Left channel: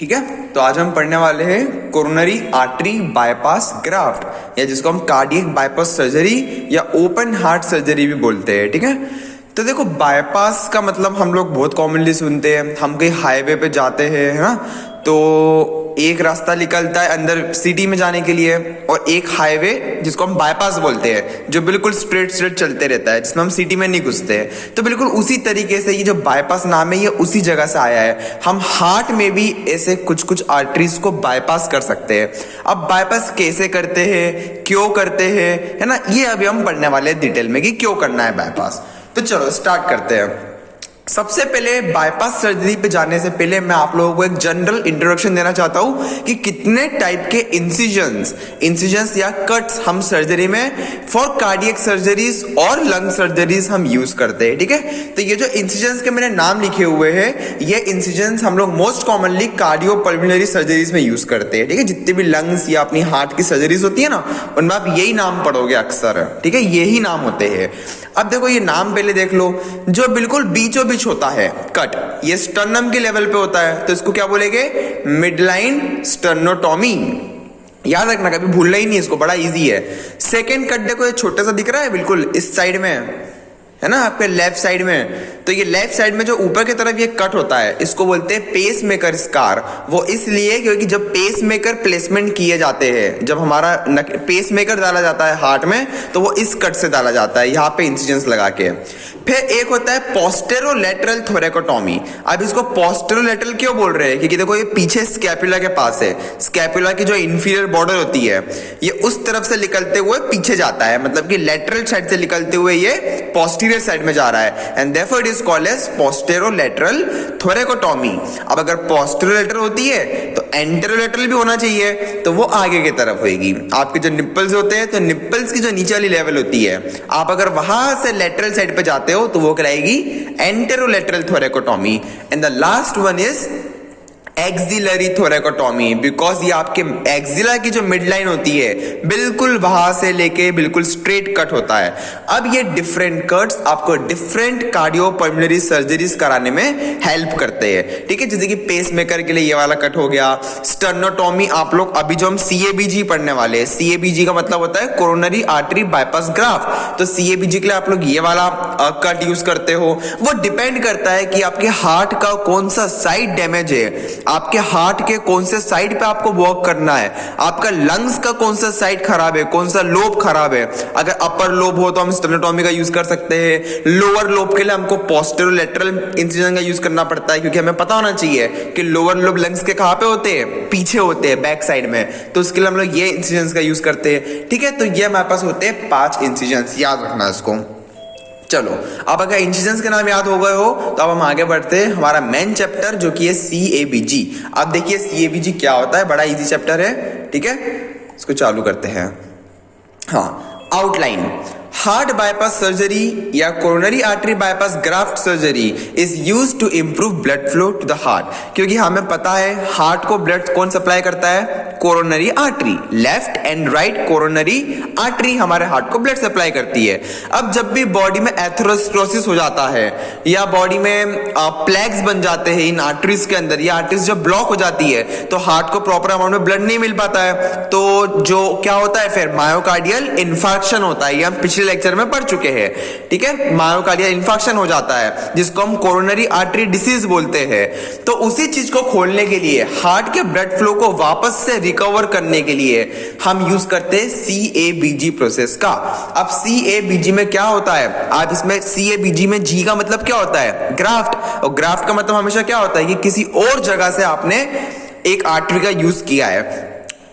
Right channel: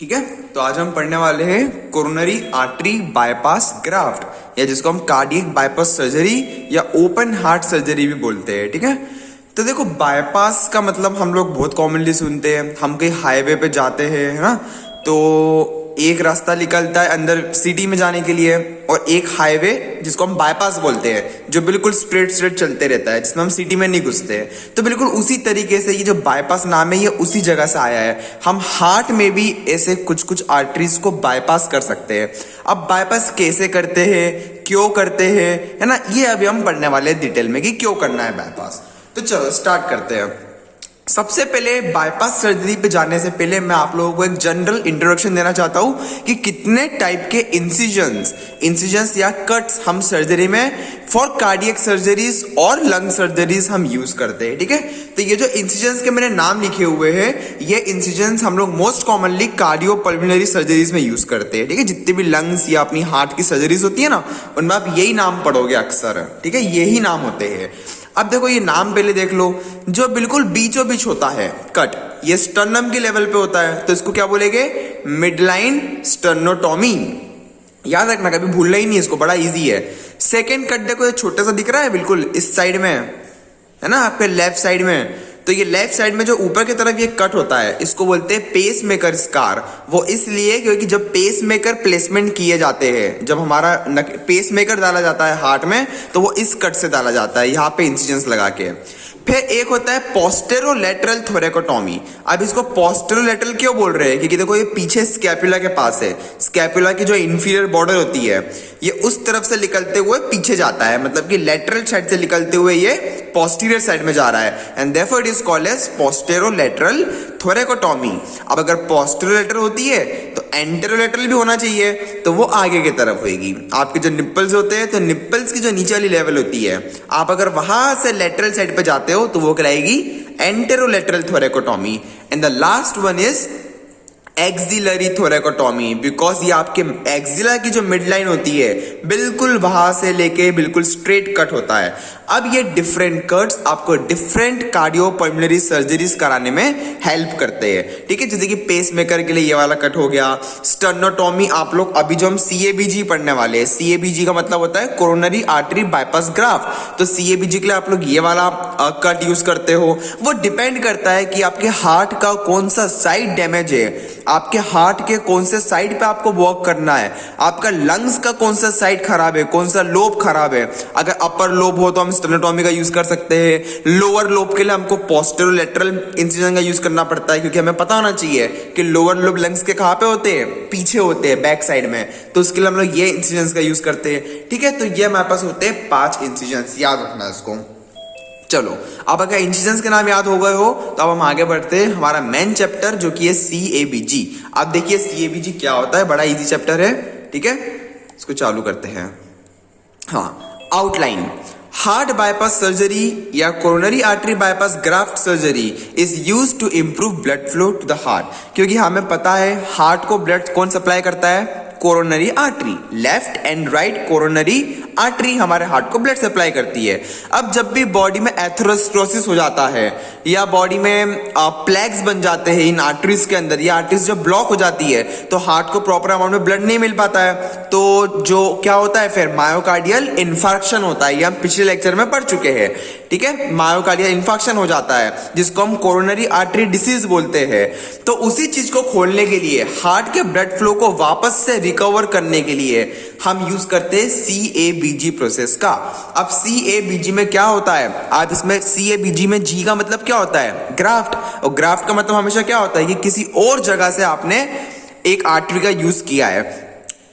ठीक है, तो आज हम पढ़ने वाले हैं कोरोनरी आर्टरी बाईपास ग्राफ्ट, या जिसको हम कार्डियक बाईपास सर्जरी या ओपन हार्ट सर्जरी भी बोलते हैं। ठीक है, तो देखो बाईपास का मतलब हम लोग बहुत कॉमनली सुनते हैं, हम कहीं हाईवे पे जाते हैं, है ना, तो एक रास्ता निकलता है अंदर सिटी में जाने के लिए और एक हाईवे जिसको हम बाईपास बोलते हैं, जो बिल्कुल स्ट्रेट चलते रहता है, जिसमें हम सिटी में नहीं घुसते हैं। तो बिल्कुल उसी तरीके से ये जो बाईपास नाम है ये उसी जगह से आया है। हम हार्ट में भी ऐसे कुछ कुछ आर्टरीज को बाईपास कर सकते हैं। अब बाईपास कैसे करते हैं, क्यों करते हैं, है ना, ये अभी हम पढ़ने वाले हैं डिटेल में कि क्यों करना है बाईपास। तो चलो स्टार्ट करते हैं। सबसे पहले बाईपास सर्जरी पे जाने से पहले मैं आप लोगों को एक जनरल इंट्रोडक्शन देना चाहता हूं कि कितने टाइप के इंसिजन्स या कट्स हम सर्जरी में फॉर कार्डियक सर्जरीज और लंग सर्जरीज हम यूज करते हैं। ठीक है, तो ये जो इंसिजन्स के मैंने नाम लिखे हुए हैं, ये इंसिजन्स हम लोग most commonly cardio pulmonary surgeries में यूज करते हैं। ठीक है, जितने भी लंग्स या अपनी हार्ट की सर्जरीज होती है ना, उनमें आप यही नाम पढ़ोगे अक्सर। ठीक है, यही नाम होते हैं। अब देखो ये नाम पहले देख लो, जो बिल्कुल बीचों बीच होता है कट, ये स्टर्नम के लेवल पे होता है, तो इसको क्या बोलेंगे, मिडलाइन स्टर्नोटॉमी। याद रखना, कभी भूलना ही नहीं इसको, बड़ा इजी है। सेकेंड कट देखो, ये छोटा सा दिख रहा है बिल्कुल इस साइड में, है ना, आपके लेफ्ट साइड में, तो ये लेफ्ट साइड में जो ऊपर की तरफ ये कट होता है, इसको बोलते हैं पेस मेकर स्कार। वो इसलिए क्योंकि जब पेस मेकर प्लेसमेंट किए जाते हैं, जब हमारा पेस मेकर डाला जाता है हार्ट में, तो वो इस कट से डाला जाता है, यहाँ पे इंसिजन्स लगा के। फिर एक होता है पोस्टेरोलैटरल थोरेकोटॉमी। अब इसको पोस्टेरोलैटरल क्यों बोल रहे हैं, क्योंकि देखो ये पीछे स्कैपुला के पास है, स्कैपुला की जो इंफीरियर बॉर्डर होती है, ये उस तरफ से निकलते हुए पीछे जाता है, मतलब कि लेटरल साइड से निकलते हुए ये पोस्टीरियर साइड में जा रहा है, and therefore it is called as posterolateral thoracotomy. अब अगर पोस्टेरोलैटरल होती है तो एंटेरोलैटरल भी होना चाहिए, तो वो आगे की तरफ होगी। आपके जो निप्पल्स होते हैं, तो निप्पल्स की जो नीचे वाली लेवल होती है, आप अगर वहां से लेटरल साइड पे जाते हो तो वो कहलाएगी anterolateral thoracotomy. And the last one is axillary thoracotomy, because ये आपके एक्सिला की जो मिड लाइन होती है, बिल्कुल वहां से लेके बिल्कुल स्ट्रेट कट होता है। अब ये डिफरेंट कट्स आपको डिफरेंट कार्डियो पल्मोनरी सर्जरीज कराने में हेल्प करते हैं। ठीक है, जैसे कि पेस मेकर के लिए ये वाला कट हो गया। स्टर्नोटॉमी आप लोग अभी जो हम CABG पढ़ने वाले हैं, CABG का मतलब होता है कोरोनरी आर्टरी बाईपास ग्राफ्ट, तो CABG के लिए आप लोग ये वाला कट यूज करते हो। वो डिपेंड करता है कि आपके हार्ट का कौन सा साइड डैमेज है, आपके हार्ट के कौन से साइड पे आपको वर्क करना है, आपका लंग्स का कौन सा साइड खराब है, कौन सा लोब खराब है। अगर अपर लोब हो तो हम स्टेनोटॉमी का यूज कर सकते हैं, लोअर लोब के लिए हमको पोस्टेरोलैटरल इंसिजन का यूज करना पड़ता है, क्योंकि हमें पता होना चाहिए कि लोअर लोब लंग्स के कहां पे होते हैं, पीछे होते हैं, बैक साइड में, तो उसके लिए हम लोग ये इंसिजन का यूज करते हैं। ठीक है, तो ये हमारे पास होते हैं 5 इंसिजन, याद रखना इसको। चलो, अब अगर इंसिजन्स के नाम याद हो गए हो तो अब हम आगे बढ़ते हैं हमारा मेन चैप्टर, जो कि है CABG। अब देखिए CABG क्या होता है, बड़ा इजी चैप्टर है। ठीक है, इसको चालू करते हैं। हाँ, आउटलाइन। हार्ट बाईपास सर्जरी या coronary artery bypass graft surgery is used to improve blood flow to the heart, क्योंकि हमें पता है हार्ट को ब्लड कौन सप्लाई करता है, coronary artery. Left and right coronary artery हमारे हार्ट को ब्लड सप्लाई करती है। अब जब भी बॉडी में एथेरोस्क्लेरोसिस हो जाता है या बॉडी में प्लैग्स बन जाते हैं इन आर्टरीज के अंदर, या आर्टरीज जब ब्लॉक हो जाती है तो हार्ट को प्रॉपर अमाउंट में ब्लड नहीं मिल पाता है, तो जो क्या होता है फिर मायोकार्डियल इन्फार्क्शन होता है। ये हम पिछले लेक्चर में पढ़ चुके हैं। ठीक है, मायोकार्डियल इन्फार्क्शन हो जाता है, जिसको हम कोरोनरी आर्टरी डिसीज बोलते हैं। तो उसी चीज को खोलने के लिए, हार्ट के ब्लड फ्लो को वापस से रिकवर करने के लिए हम यूज करते हैं CABG प्रोसेस का। अब CABG में क्या होता है, आज इसमें CABG में G का मतलब क्या होता है, ग्राफ्ट, और ग्राफ्ट का मतलब हमेशा क्या होता है कि किसी और जगह से आपने एक आर्टरी का यूज किया है।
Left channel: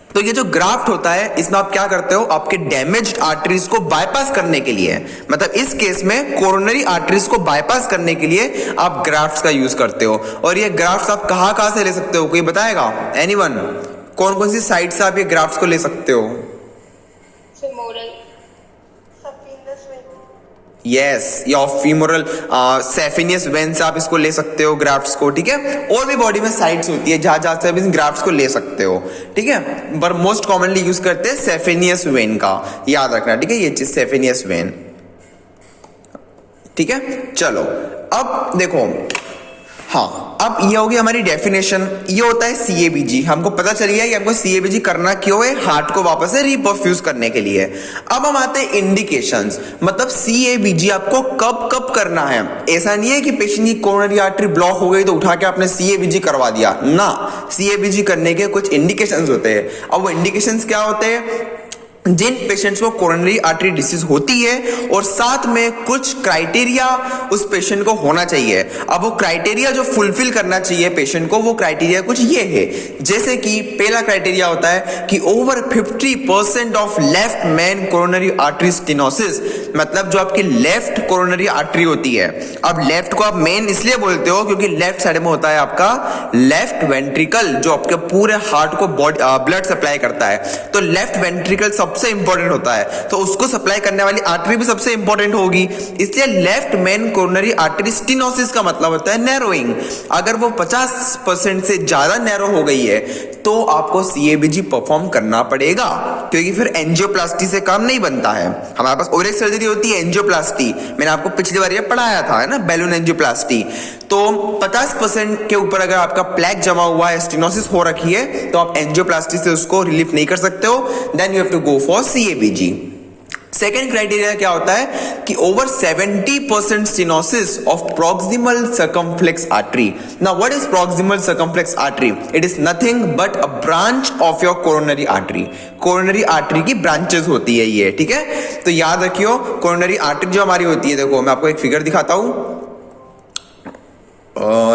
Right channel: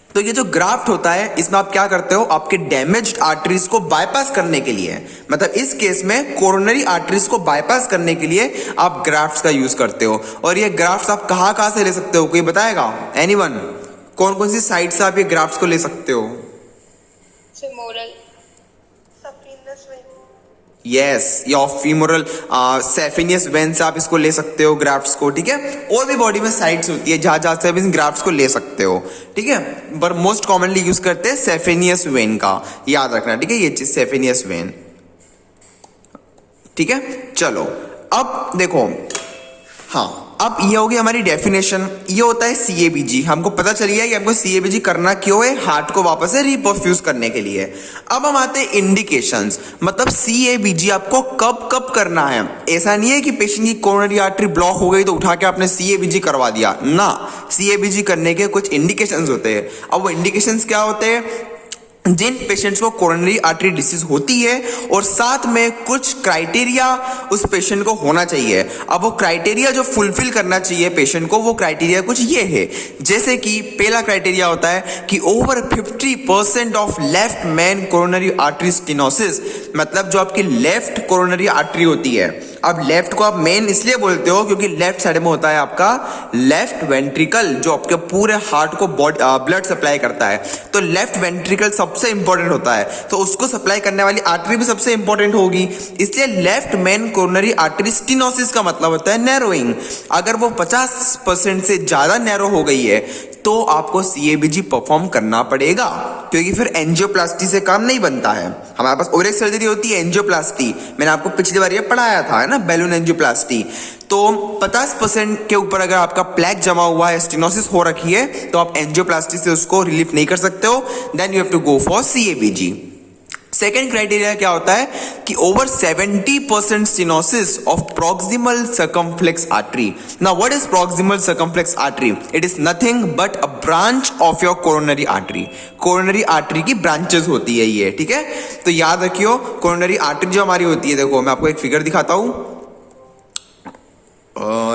तो ये जो ग्राफ्ट होता है, इसमें आप क्या करते हो, आपके डैमेज्ड आर्टरीज को बाईपास करने के लिए, मतलब इस केस में कोरोनरी आर्टरीज को बाईपास करने के लिए आप ग्राफ्ट्स का यूज करते हो। और ये ग्राफ्ट्स आप कहां से ले सकते हो, कोई बताएगा, एनीवन? कौन कौन सी साइट से आप ये ग्राफ्ट्स को ले सकते हो? femoral, यस, या फीमोरल सेफिनियस वेन से आप इसको ले सकते हो ग्राफ्ट्स को। ठीक है, और भी बॉडी में साइट्स होती है जहां से आप इन ग्राफ्ट्स को ले सकते हो। ठीक है, पर मोस्ट कॉमनली यूज करते हैं सेफिनियस वेन का, याद रखना। ठीक है, ये चीज सेफिनियस वेन। ठीक है, चलो अब देखो, हाँ अब ये होगी हमारी डेफिनेशन। ये होता है सीएबीजी। हमको पता चल गया कि हमको सीएबीजी करना क्यों है, हार्ट को वापस से रिपर्फ्यूज करने के लिए। अब हम आते हैं इंडिकेशंस, मतलब सीएबीजी आपको कब कब करना है। ऐसा नहीं है कि पेशेंट की कोरोनरी आर्टरी ब्लॉक हो गई तो उठा के आपने सीएबीजी करवा दिया ना। सीएबीजी करने के कुछ इंडिकेशंस होते हैं। अब वो इंडिकेशंस क्या होते हैं, जिन पेशेंट्स को कोरोनरी आर्टरी डिसीज होती है और साथ में कुछ क्राइटेरिया उस पेशेंट को होना चाहिए। अब वो क्राइटेरिया जो फुलफिल करना चाहिए पेशेंट को, वो क्राइटेरिया कुछ ये है, जैसे कि पहला क्राइटेरिया होता है कि over 50% of left main coronary artery stenosis, मतलब जो आपकी लेफ्ट कोरोनरी आर्टरी होती है। अब लेफ्ट को आप मेन इसलिए बोलते हो क्योंकि लेफ्ट साइड में होता है आपका लेफ्ट वेंट्रिकल, जो आपके पूरे हार्ट को ब्लड सप्लाई करता है। तो लेफ्ट वेंट्रिकल सबसे इंपॉर्टेंट होता है, तो उसको सप्लाई करने वाली आर्टरी भी सबसे इंपॉर्टेंट होगी। इसलिए left main coronary artery stenosis का मतलब होता है नैरोइंग। अगर वो 50% से ज्यादा नैरो हो गई है तो आपको सीएबीजी परफॉर्म करना पड़ेगा, क्योंकि फिर एंजियोप्लास्टी से काम नहीं बनता है। हमारे पास और एक सर्जरी होती है एंजियोप्लास्टी, मैंने आपको पिछली बार ये पढ़ाया था, है ना, बैलून एंजियोप्लास्टी। तो 50% के ऊपर अगर आपका प्लेक जमा हुआ है, स्टेनोसिस हो रखी है, तो आप एंजियोप्लास्टी से उसको रिलीफ नहीं कर सकते हो, then you have to go for CABG. Second criteria क्या होता है कि over 70% stenosis of proximal circumflex artery. Now what is proximal circumflex artery? It is nothing but a branch of your coronary artery. Coronary artery की branches होती है ये, ठीक है। तो याद रखियो, कोरोनरी आर्टरी जो हमारी होती है, देखो मैं आपको एक फिगर दिखाता हूं।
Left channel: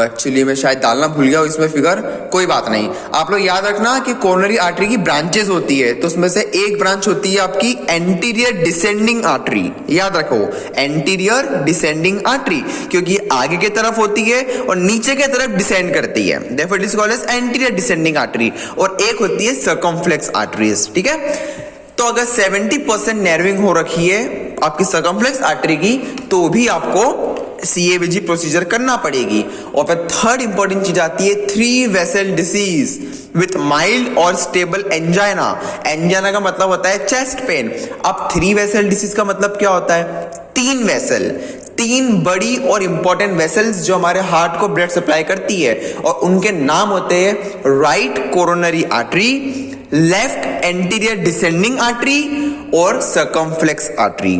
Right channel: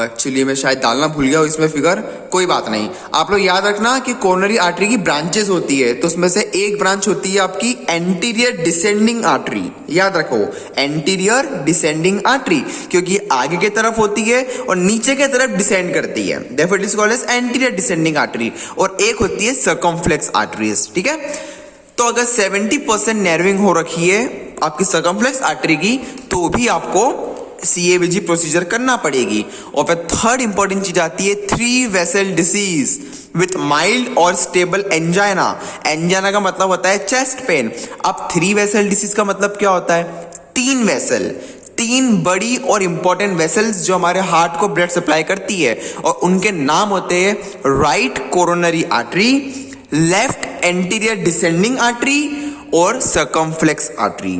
एक्चुअली मैं शायद डालना भूल गया इसमें फिगर, कोई बात नहीं। आप लोग याद रखना कि कोरोनरी आर्टरी की ब्रांचेस होती है, तो उसमें से एक ब्रांच होती है आपकी एंटीरियर डिसेंडिंग आर्टरी। याद रखो, एंटीरियर डिसेंडिंग आर्टरी, क्योंकि आगे की तरफ होती है और नीचे की तरफ डिसेंड करती है, therefore it is called as anterior descending artery. और एक होती है सर्कमफ्लेक्स आर्टरीज, ठीक है। तो अगर 70% नैरोइंग हो रखी है आपकी सर्कमफ्लेक्स आर्टरी की, तो भी आपको सीएबीजी प्रोसीजर करना पड़ेगी। और फिर थर्ड इंपॉर्टेंट चीज आती है 3 वेसल डिसीज विथ माइल्ड और स्टेबल एंजाइना। एंजाइना का मतलब होता है चेस्ट पेन। अब 3 वेसल डिसीज का मतलब क्या होता है? 3 वेसल, 3 बड़ी और इंपॉर्टेंट वेसल्स जो हमारे हार्ट को ब्लड सप्लाई करती है, और उनके नाम होते हैं right coronary artery, left anterior descending artery और सर्कमफ्लेक्स आर्टरी।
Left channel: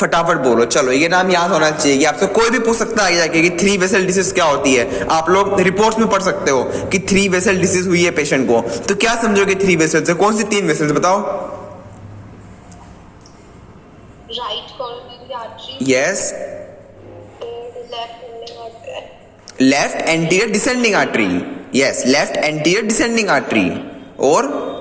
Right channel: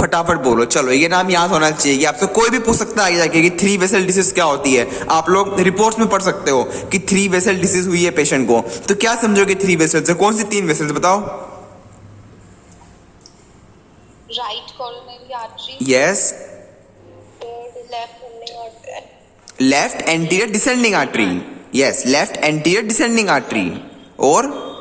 फटाफट बोलो, चलो ये नाम याद होना चाहिए। कि आपसे कोई भी पूछ सकता है कि 3 वेसल डिसीज क्या होती है। आप लोग रिपोर्ट्स में पढ़ सकते हो कि 3 वेसल डिसीज हुई है पेशेंट को, तो क्या समझोगे 3 वेसल्स से? कौन सी 3 वेसल्स बताओ? Right coronary artery, yes, left anterior descending artery, yes, left anterior descending artery, और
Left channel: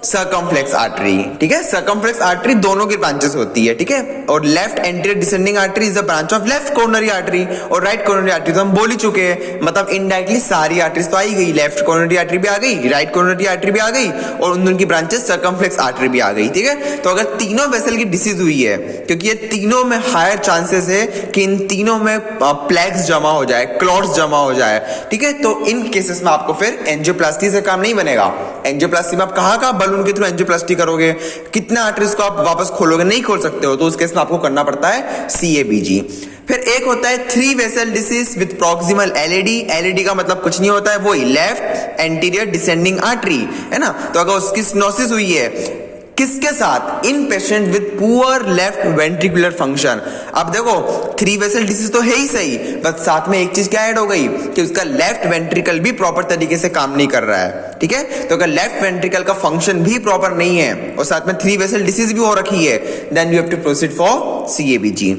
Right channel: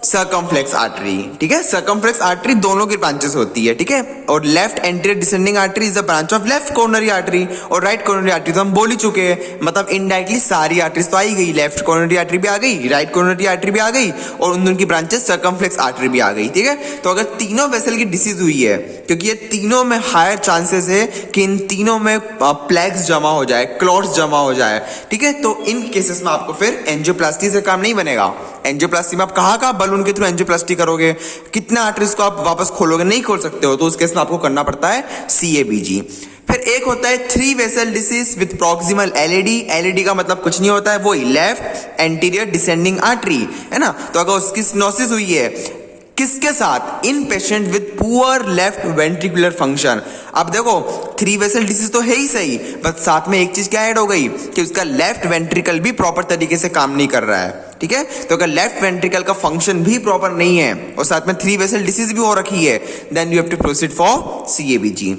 सर्कमफ्लेक्स आर्टरी, ठीक है। सर्कमफ्लेक्स आर्टरी दोनों की ब्रांचेस होती है, ठीक है। और left anterior descending artery is the branch of left coronary artery, और राइट कोरोनरी आर्टरी तो हम बोल ही चुके हैं, मतलब इनडायरेक्टली सारी आर्टरीज तो आ ही गई। लेफ्ट कोरोनरी आर्टरी भी आ गई, राइट कोरोनरी आर्टरी भी आ गई, और उन दोनों की ब्रांचेस सर्कमफ्लेक्स आर्टरी भी आ गई, ठीक है। तो अगर तीनों वेसल की डिसीज हुई है, क्योंकि ये तीनों में हायर चांसेस है कि इन तीनों में प्लेक्स जमा हो जाए, क्लॉट्स जमा हो जाए, ठीक है। तो इन केसेस में आपको फिर एंजियोप्लास्टी से काम नहीं बनेगा। एंजियोप्लास्टी में आप कहाँ बलून के थ्रू एंजियोप्लास्टी करोगे, कितने आर्टरीज को आप वापस खोलोगे? नहीं खोल सकते हो, तो उस केस में आपको करना पड़ता है सीएबीजी। फिर एक होता है 3 vessel disease with proximal LAD. LAD का मतलब कुछ नहीं होता है, वो लेफ्ट एंटीरियर डिसेंडिंग आर्टरी, है ना। तो अगर उसकी स्टेनोसिस हुई है किसके साथ? In patient with poor left ventricular function. अब देखो 3 वेसल डिसीज तो है ही सही, बस साथ में एक चीज क्या ऐड हो गई कि उसका लेफ्ट वेंट्रिकल भी प्रॉपर तरीके से काम नहीं कर रहा है, ठीक है। तो अगर लेफ्ट वेंट्रिकल का फंक्शन भी प्रॉपर नहीं है और साथ में 3 वेसल डिसीज भी हो रखी है, then you have to proceed for CABG.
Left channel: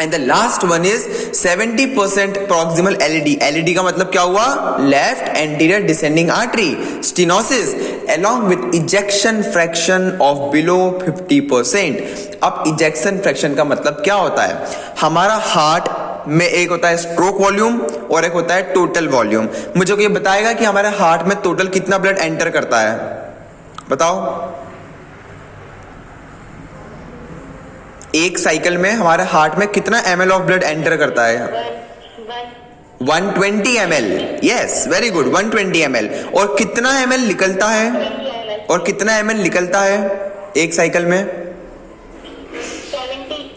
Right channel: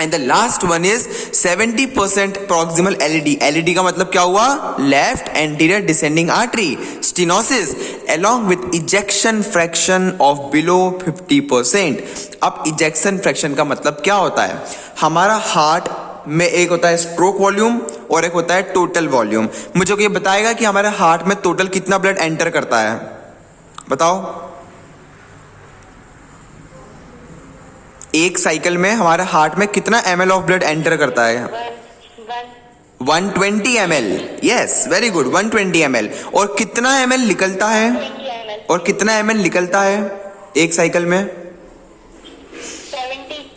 And the last one is 70% proximal LAD. LAD का मतलब क्या हुआ? Left anterior descending artery stenosis along with ejection fraction of below 50%। अब इजेक्शन फ्रैक्शन का मतलब क्या होता है? हमारा हार्ट में एक होता है स्ट्रोक वॉल्यूम और एक होता है टोटल वॉल्यूम। मुझे कोई बताएगा कि हमारे हार्ट में टोटल कितना ब्लड एंटर करता है? बताओ। एक साइकिल में हमारे हार्ट में कितना ml ऑफ ब्लड एंटर करता है? 120 ml। Yes, very good, 120 ml। और कितना ml निकलता है? और कितना ml निकलता है एक साइकिल में?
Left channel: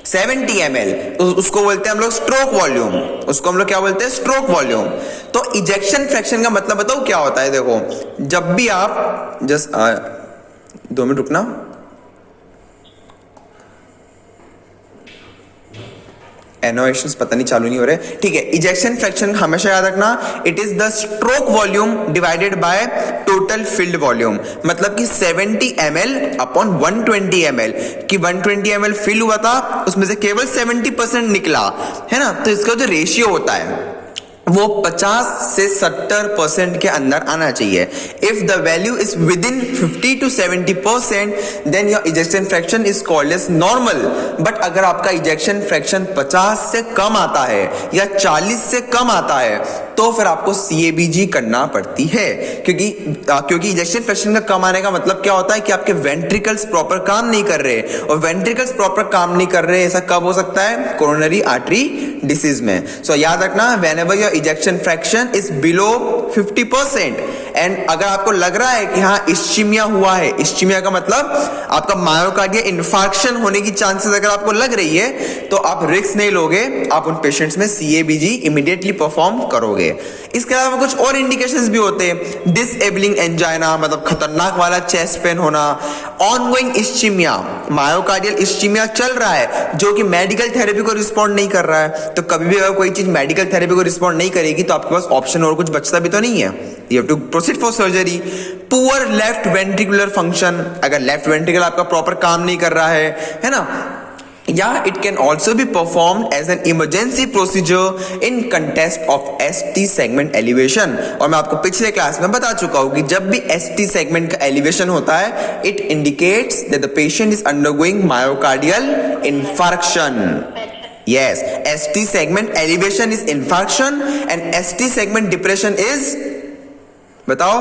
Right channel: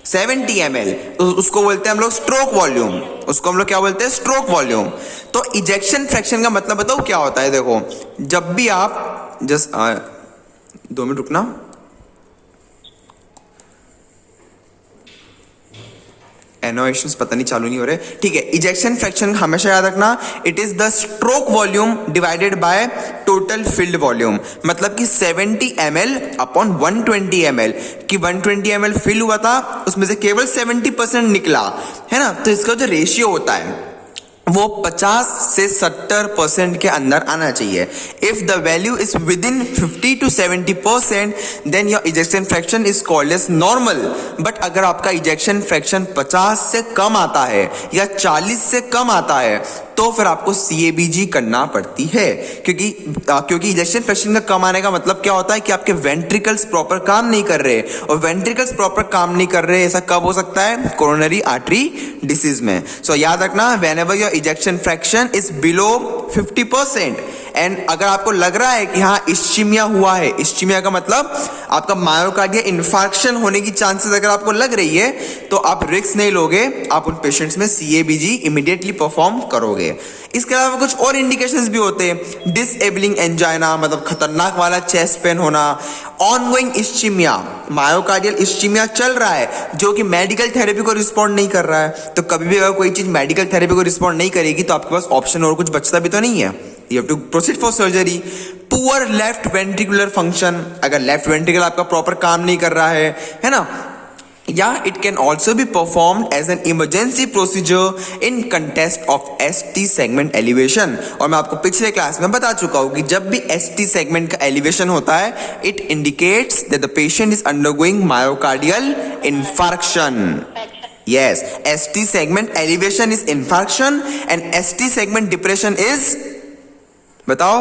70 ml, तो उसको बोलते हैं हम लोग स्ट्रोक वॉल्यूम। उसको हम लोग क्या बोलते हैं? Stroke volume. तो इजेक्शन फ्रैक्शन का मतलब बताओ क्या होता है? देखो, जब भी आप जस्ट 2 मिनट रुकना, एनोवेशंस पता नहीं चालू नहीं हो रहे, ठीक है। इजेक्शन फ्रैक्शन हमेशा याद रखना, it is the stroke volume divided by total field volume. मतलब कि 70 ml अपॉन 120 ml, कि 120 ml फिल हुआ था, उसमें से केवल 70% निकला, है ना। तो इसका जो रेशियो होता है वो 50 से 70% के अंदर आना चाहिए। If the value is within 50 to 70%, then your ejection fraction is called as normal. But अगर आपका इजेक्शन फ्रैक्शन 50 से कम आता है या 40 से कम आता है, तो फिर आपको CABG करना पड़ती है, क्योंकि इजेक्शन फ्रैक्शन का कम आने का मतलब क्या होता है कि आपके वेंट्रिकल्स प्रॉपर काम नहीं कर रहे, और वेंट्रिकल्स प्रॉपर काम नहीं कर रहे, ऐसा कब हो सकता है? कोरोनरी आर्टरी डिसीज में। सो याद रखना, whenever your ejection fraction is below 50%, and अगर आपको लग रहा है कि हाँ इस्चीमिया हुआ है, इस्चीमिया का मतलब आपका मायोकार्डियल इन्फार्क्शन होने की चांसेस अगर आपको लग रही है, तो आप रिस्क नहीं लोगे, आप उन पेशेंट्स में CABG इमीडिएटली परफॉर्म करोगे। इसके अलावा कुछ और इंडिकेशंस भी होते हैं, डिसेबलिंग एंजाइना, मतलब खतरनाक वाला चेस्ट पेन होना, ऑनगोइंग इस्चीमिया, मायोकार्डियल इस्चीमिया चल रहा है जो कि मेडिकल थेरेपी को रिस्पॉन्ड नहीं कर रहा है। तो कभी भी अगर कोई चीज मेडिकल थेरेपी को रिस्पॉन्ड नहीं करेगी, तो आपके पास ऑप्शन और कुछ बचता भी तो नहीं है, you have to proceed for surgery. Poor left ventricular function, अगर लेफ्ट वेंट्रिकल आपका प्रॉपर काम नहीं कर रहा है ना, या it can also be performed as an emergency procedure in context of ST segment elevation. और मैं आपको पिछले क्लास में बता चुका हूं कि जब भी ST सेगमेंट का एलिवेशन होता है, it indicates that the patient is undergoing myocardial infarction. Yes, ST segment elevation is infarction and ST segment depression is, बताओ,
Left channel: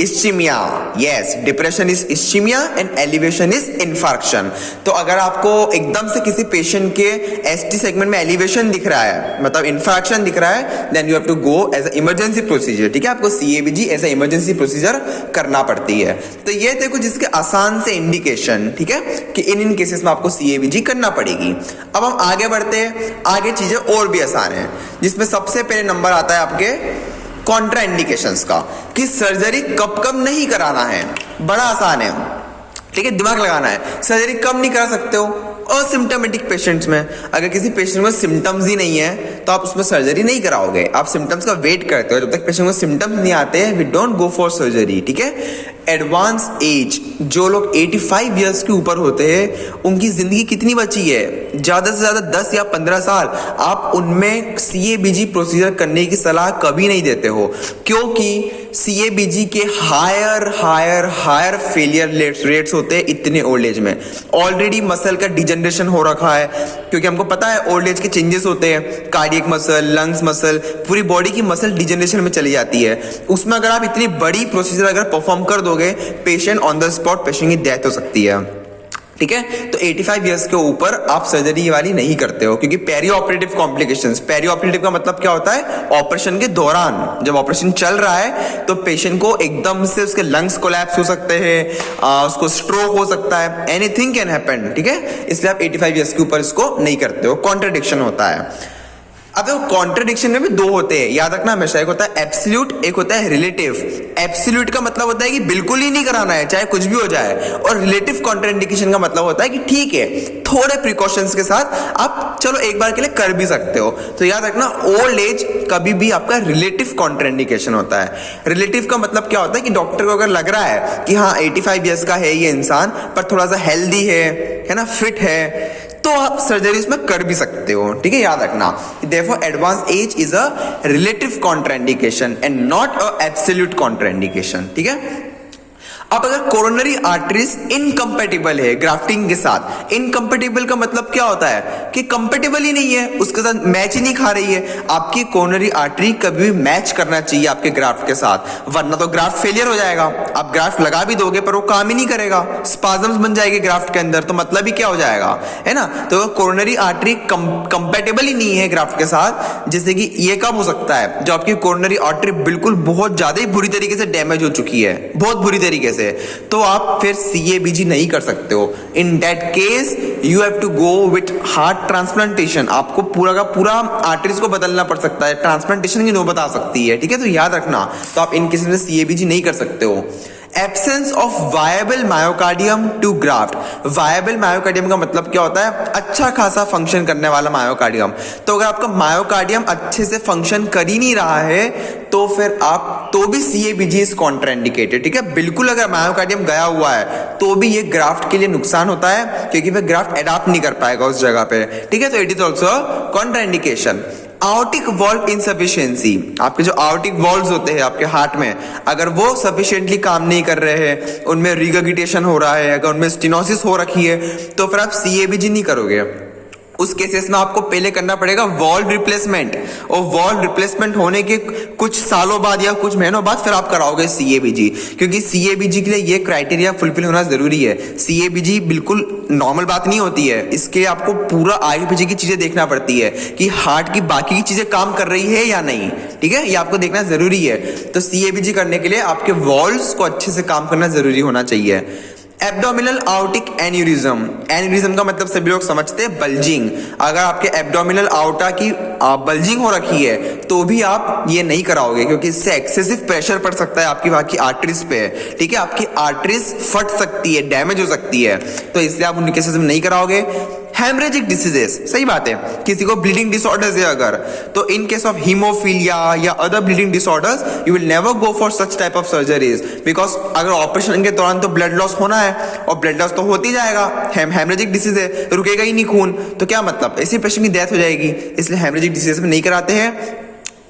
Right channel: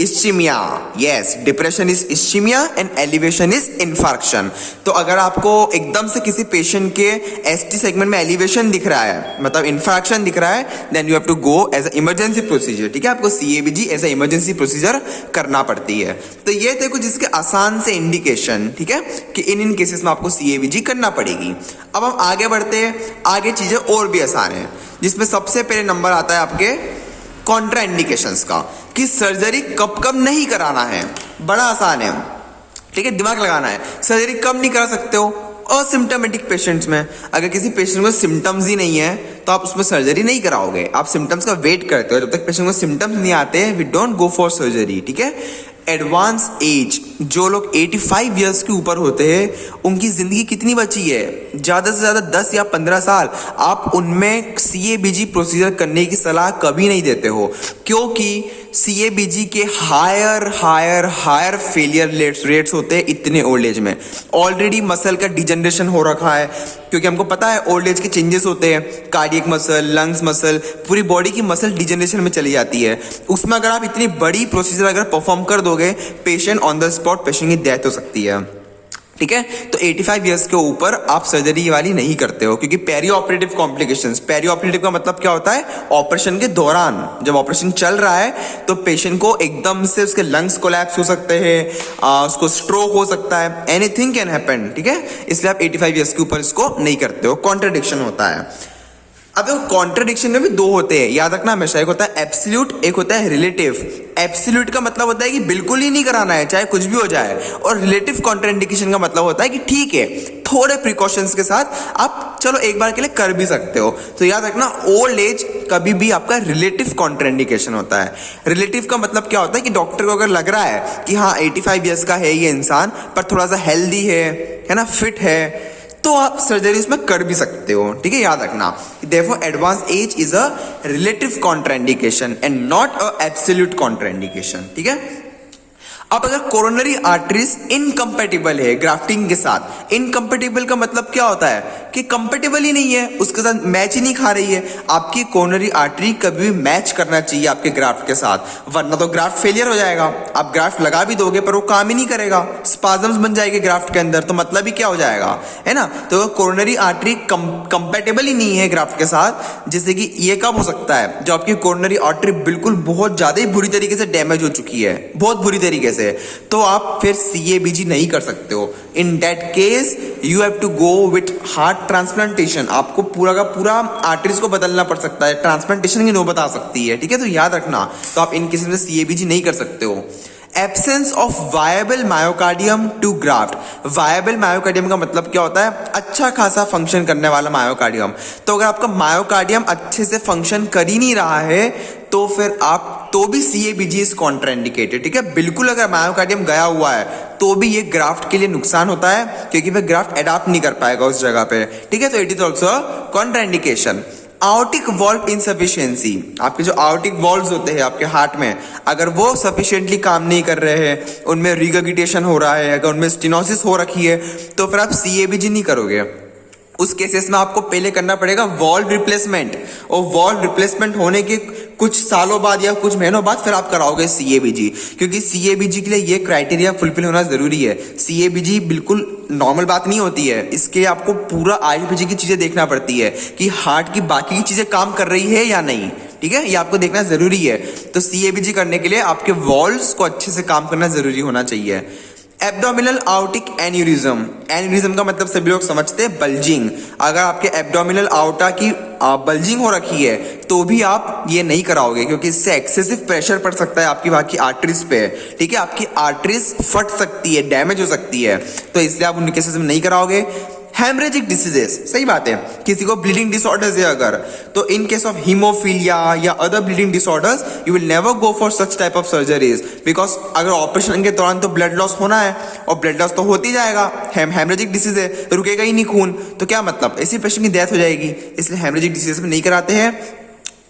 ischaemia. Yes, depression is ischaemia and elevation is infarction. तो अगर आपको एकदम से किसी पेशेंट के ST सेगमेंट में elevation दिख रहा है, मतलब इन्फार्क्शन दिख रहा है, then you have to go as emergency procedure, ठीक है। आपको CABG एज इमरजेंसी प्रोसीजर करना पड़ती है। तो ये देखो जिसके आसान से इंडिकेशन, ठीक है, कि इन केसेस में आपको CABG करना पड़ेगी। अब हम आगे बढ़ते हैं, आगे चीजें और भी आसान है, जिसमें सबसे पहले नंबर आता है आपके कॉन्ट्रा इंडिकेशंस का, कि सर्जरी कब कब नहीं कराना है। बड़ा आसान है, ठीक है, दिमाग लगाना है। सर्जरी कब नहीं करा सकते हो? असिम्टोमेटिक पेशेंट्स में। अगर किसी पेशेंट को सिम्टम्स ही नहीं है, तो आप उसमें सर्जरी नहीं कराओगे, आप सिम्टम्स का वेट करते हो। जब तक पेशेंट को सिम्टम्स नहीं आते, we don't go for surgery, ठीक है। एडवांस एज, जो लोग 85 ईयर्स के ऊपर होते हैं, उनकी जिंदगी कितनी बची है? ज्यादा से ज्यादा 10 या 15 साल। आप उनमें CABG प्रोसीजर करने की सलाह कभी नहीं देते हो, क्योंकि CABG के हायर फेलियर रेट्स होते हैं इतने ओल्ड एज में। ऑलरेडी मसल का डिजनरेशन हो रखा है, क्योंकि हमको पता है ओल्ड एज के चेंजेस होते हैं, कार्डियक मसल, लंग्स मसल, पूरी बॉडी की मसल डिजनरेशन में चली जाती है। उसमें अगर आप इतनी बड़ी प्रोसीजर अगर परफॉर्म कर दोगे, patient on the spot, patient की डेथ हो सकती है, ठीक है। तो 85 इयर्स के ऊपर आप सर्जरी वाली नहीं करते हो, क्योंकि perioperative complications, perioperative का मतलब क्या होता है? ऑपरेशन के दौरान, जब ऑपरेशन चल रहा है, तो पेशेंट को एकदम से उसके लंग्स कोलैप्स हो सकते हैं, उसको स्ट्रोक हो सकता है, एनीथिंग कैन हैपन, ठीक है। इसलिए आप 85 इयर्स के ऊपर इसको नहीं करते हो, कॉन्ट्रडिक्शन होता है। अब कॉन्ट्रडिक्शन में भी दो होते हैं, याद रखना हमेशा, एक होता है एब्सोल्यूट, एक होता है रिलेटिव। एब्सोल्यूट का मतलब होता है कि बिल्कुल ही नहीं कराना है, चाहे कुछ भी हो जाए, और रिलेटिव कॉन्ट्राइंडिकेशन का मतलब होता है कि ठीक है, थोड़े प्रिकॉशंस के साथ आप चलो एक बार के लिए कर भी सकते हो। तो याद रखना, ओल्ड एज कभी भी आपका रिलेटिव कॉन्ट्राइंडिकेशन होता है। रिलेटिव का मतलब क्या होता है कि डॉक्टर को अगर लग रहा है कि हाँ 85 ईयर्स का है ये इंसान, पर थोड़ा सा हेल्दी है ना, फिट है, तो आप सर्जरी उसमें कर भी सकते हो, ठीक है। याद रखना, therefore advanced age is a relative contraindication and not a absolute contraindication, ठीक है। अब अगर कोरोनरी आर्टरीज इनकम्पेटिबल है ग्राफ्टिंग के साथ, इनकम्पेटिबल का मतलब क्या होता है कि कंपेटिबल ही नहीं है, उसके साथ मैच ही नहीं खा रही है, आपकी कोरोनरी आर्टरी कभी भी मैच करना चाहिए आपके ग्राफ्ट के साथ, वरना तो ग्राफ्ट फेलियर हो जाएगा। आप ग्राफ्ट लगा भी दोगे पर वो काम ही नहीं करेगा, स्पाजम्स बन जाएगी ग्राफ्ट के अंदर, तो मतलब ही क्या हो जाएगा, है ना। तो कोरोनरी आर्टरी कंपेटेबल ही नहीं है ग्राफ्ट के साथ, जैसे कि ये कब हो सकता है? जो आपकी कोरोनरी आर्टरी बिल्कुल बहुत ज्यादा ही बुरी तरीके से डैमेज हो चुकी है, बहुत बुरी तरीके से, से, तो आप फिर CABG नहीं कर सकते हो। In that case you have to go with heart transplantation. आपको पूरा का पूरा आर्टरीज को बदलना पड़ सकता है, ट्रांसप्लांटेशन की नौबत आ सकती है, ठीक है। तो याद रखना, तो आप इन केसेस में CABG नहीं कर सकते हो। Absence of viable myocardium to graft. Viable myocardium का मतलब क्या होता है? अच्छा खासा फंक्शन करने वाला मायोकार्डियम। तो अगर आपका मायोकार्डियम अच्छे से फंक्शन कर ही नहीं रहा है तो फिर आप तो भी CABG इज कॉन्ट्राइंडिकेटेड, ठीक है। बिल्कुल अगर मायोकार्डियम गया हुआ है तो भी ये ग्राफ्ट के लिए नुकसान होता है, क्योंकि फिर ग्राफ्ट अडॉप्ट नहीं कर पाएगा उस जगह पे, ठीक है। तो it is also contraindication. आउटिक valve insufficiency. आपके जो आउटिक वॉल्व्स होते हैं आपके हार्ट में, अगर वो सफिशिएंटली काम नहीं कर रहे हैं, उनमें रिगर्गिटेशन हो रहा है, अगर उनमें स्टेनोसिस हो रखी है, तो फिर आप CABG नहीं करोगे। उस केसेस में आपको पहले करना पड़ेगा वॉल्व रिप्लेसमेंट, और वॉल्व रिप्लेसमेंट होने के कुछ सालों बाद या कुछ महीनों बाद फिर आप कराओगे CABG, क्योंकि CABG के लिए ये क्राइटेरिया फुलफिल होना जरूरी है। CABG बिल्कुल नॉर्मल बात नहीं होती है, इसके आपको पूरा आगे पीछे की चीजें देखना पड़ती है कि हार्ट की बाकी की चीजें काम कर रही है या नहीं, ठीक है। ये आपको देखना जरूरी है। तो CABG करने के लिए आपके वॉल्व्स को अच्छे से काम करना जरूरी होना चाहिए। Abdominal आउटिक aneurysm. एन्यूरिज्म का मतलब सभी लोग समझते हैं बल्जिंग। अगर आपके एब्डोमिनल आउटा की बल्जिंग हो रखी है तो भी आप ये नहीं कराओगे, क्योंकि इससे एक्सेसिव प्रेशर पड़ सकता है आपकी बाकी आर्टरीज पे, ठीक है। आपकी आर्टरीज फट सकती है, डैमेज हो सकती है, तो इसलिए आप उन केसेस में नहीं कराओगे। हेमरेजिक डिसीजेस, सही बात है, किसी को ब्लीडिंग डिसऑर्डर्स है अगर, तो इन केस ऑफ हीमोफीलिया या other bleeding disorders you will never go for such type of surgeries, because अगर ऑपरेशन के दौरान तो ब्लड लॉस होना है, और ब्लड लॉस तो होती जाएगा। हेमरेजिक डिसीज है, रुकेगा ही नहीं खून, तो क्या मतलब, ऐसे पेशेंट की डेथ हो जाएगी। इसलिए हेमरेजिक डिसीज में नहीं कराते हैं।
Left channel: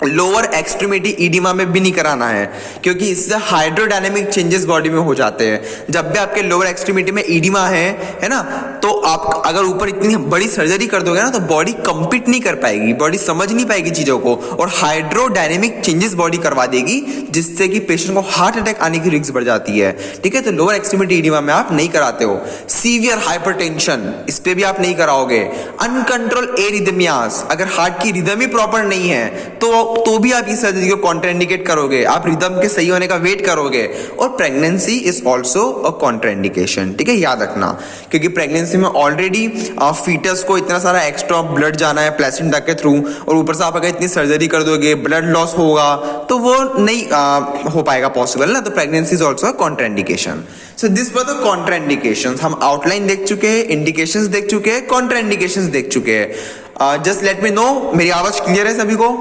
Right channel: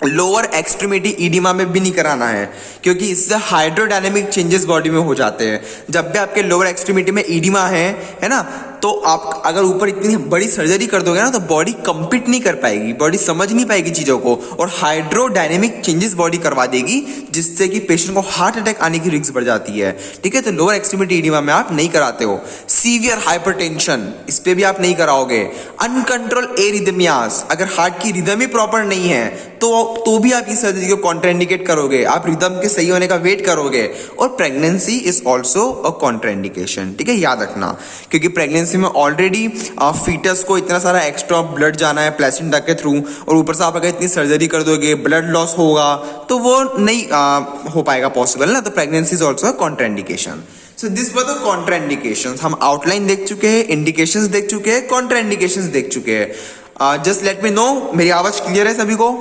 लोअर एक्सट्रीमिटी ईडिमा में भी नहीं कराना है, क्योंकि इससे हाइड्रोडायनेमिक चेंजेस बॉडी में हो जाते हैं। जब भी आपके लोअर एक्सट्रीमिटी में ईडिमा है ना, तो आप अगर ऊपर इतनी बड़ी सर्जरी कर दोगे ना, तो बॉडी कंपीट नहीं कर पाएगी, बॉडी समझ नहीं पाएगी चीजों को, और हाइड्रोडायनेमिक चेंजेस बॉडी करवा देगी, जिससे कि पेशेंट को हार्ट अटैक आने की रिस्क बढ़ जाती है, ठीक है। तो लोअर एक्सट्रीमिटी ईडिमा में आप नहीं कराते हो। सीवियर हाइपरटेंशन, इस पे भी आप नहीं कराओगे। अनकंट्रोल एरिथमियास, अगर हार्ट की रिदम ही प्रॉपर नहीं है तो भी आप इस सर्जरी को कॉन्ट्राइंडिकेट करोगे, आप रिदम के सही होने का वेट करोगे। और pregnancy is also a contraindication, ठीक है, याद रखना, क्योंकि प्रेगनेंसी में ऑलरेडी फीटस को इतना सारा एक्स्ट्रा ब्लड जाना है प्लेसेंटा के थ्रू, और ऊपर से आप अगर इतनी सर्जरी कर दोगे, ब्लड लॉस होगा, तो वो नहीं हो पाएगा पॉसिबल ना। तो pregnancy is also a contraindication. So this were the contraindications. हम आउटलाइन देख चुके हैं, इंडिकेशंस देख चुके हैं, कॉन्ट्राइंडिकेशंस देख चुके हैं। जस्ट लेट मी नो, मेरी आवाज क्लियर है सभी को?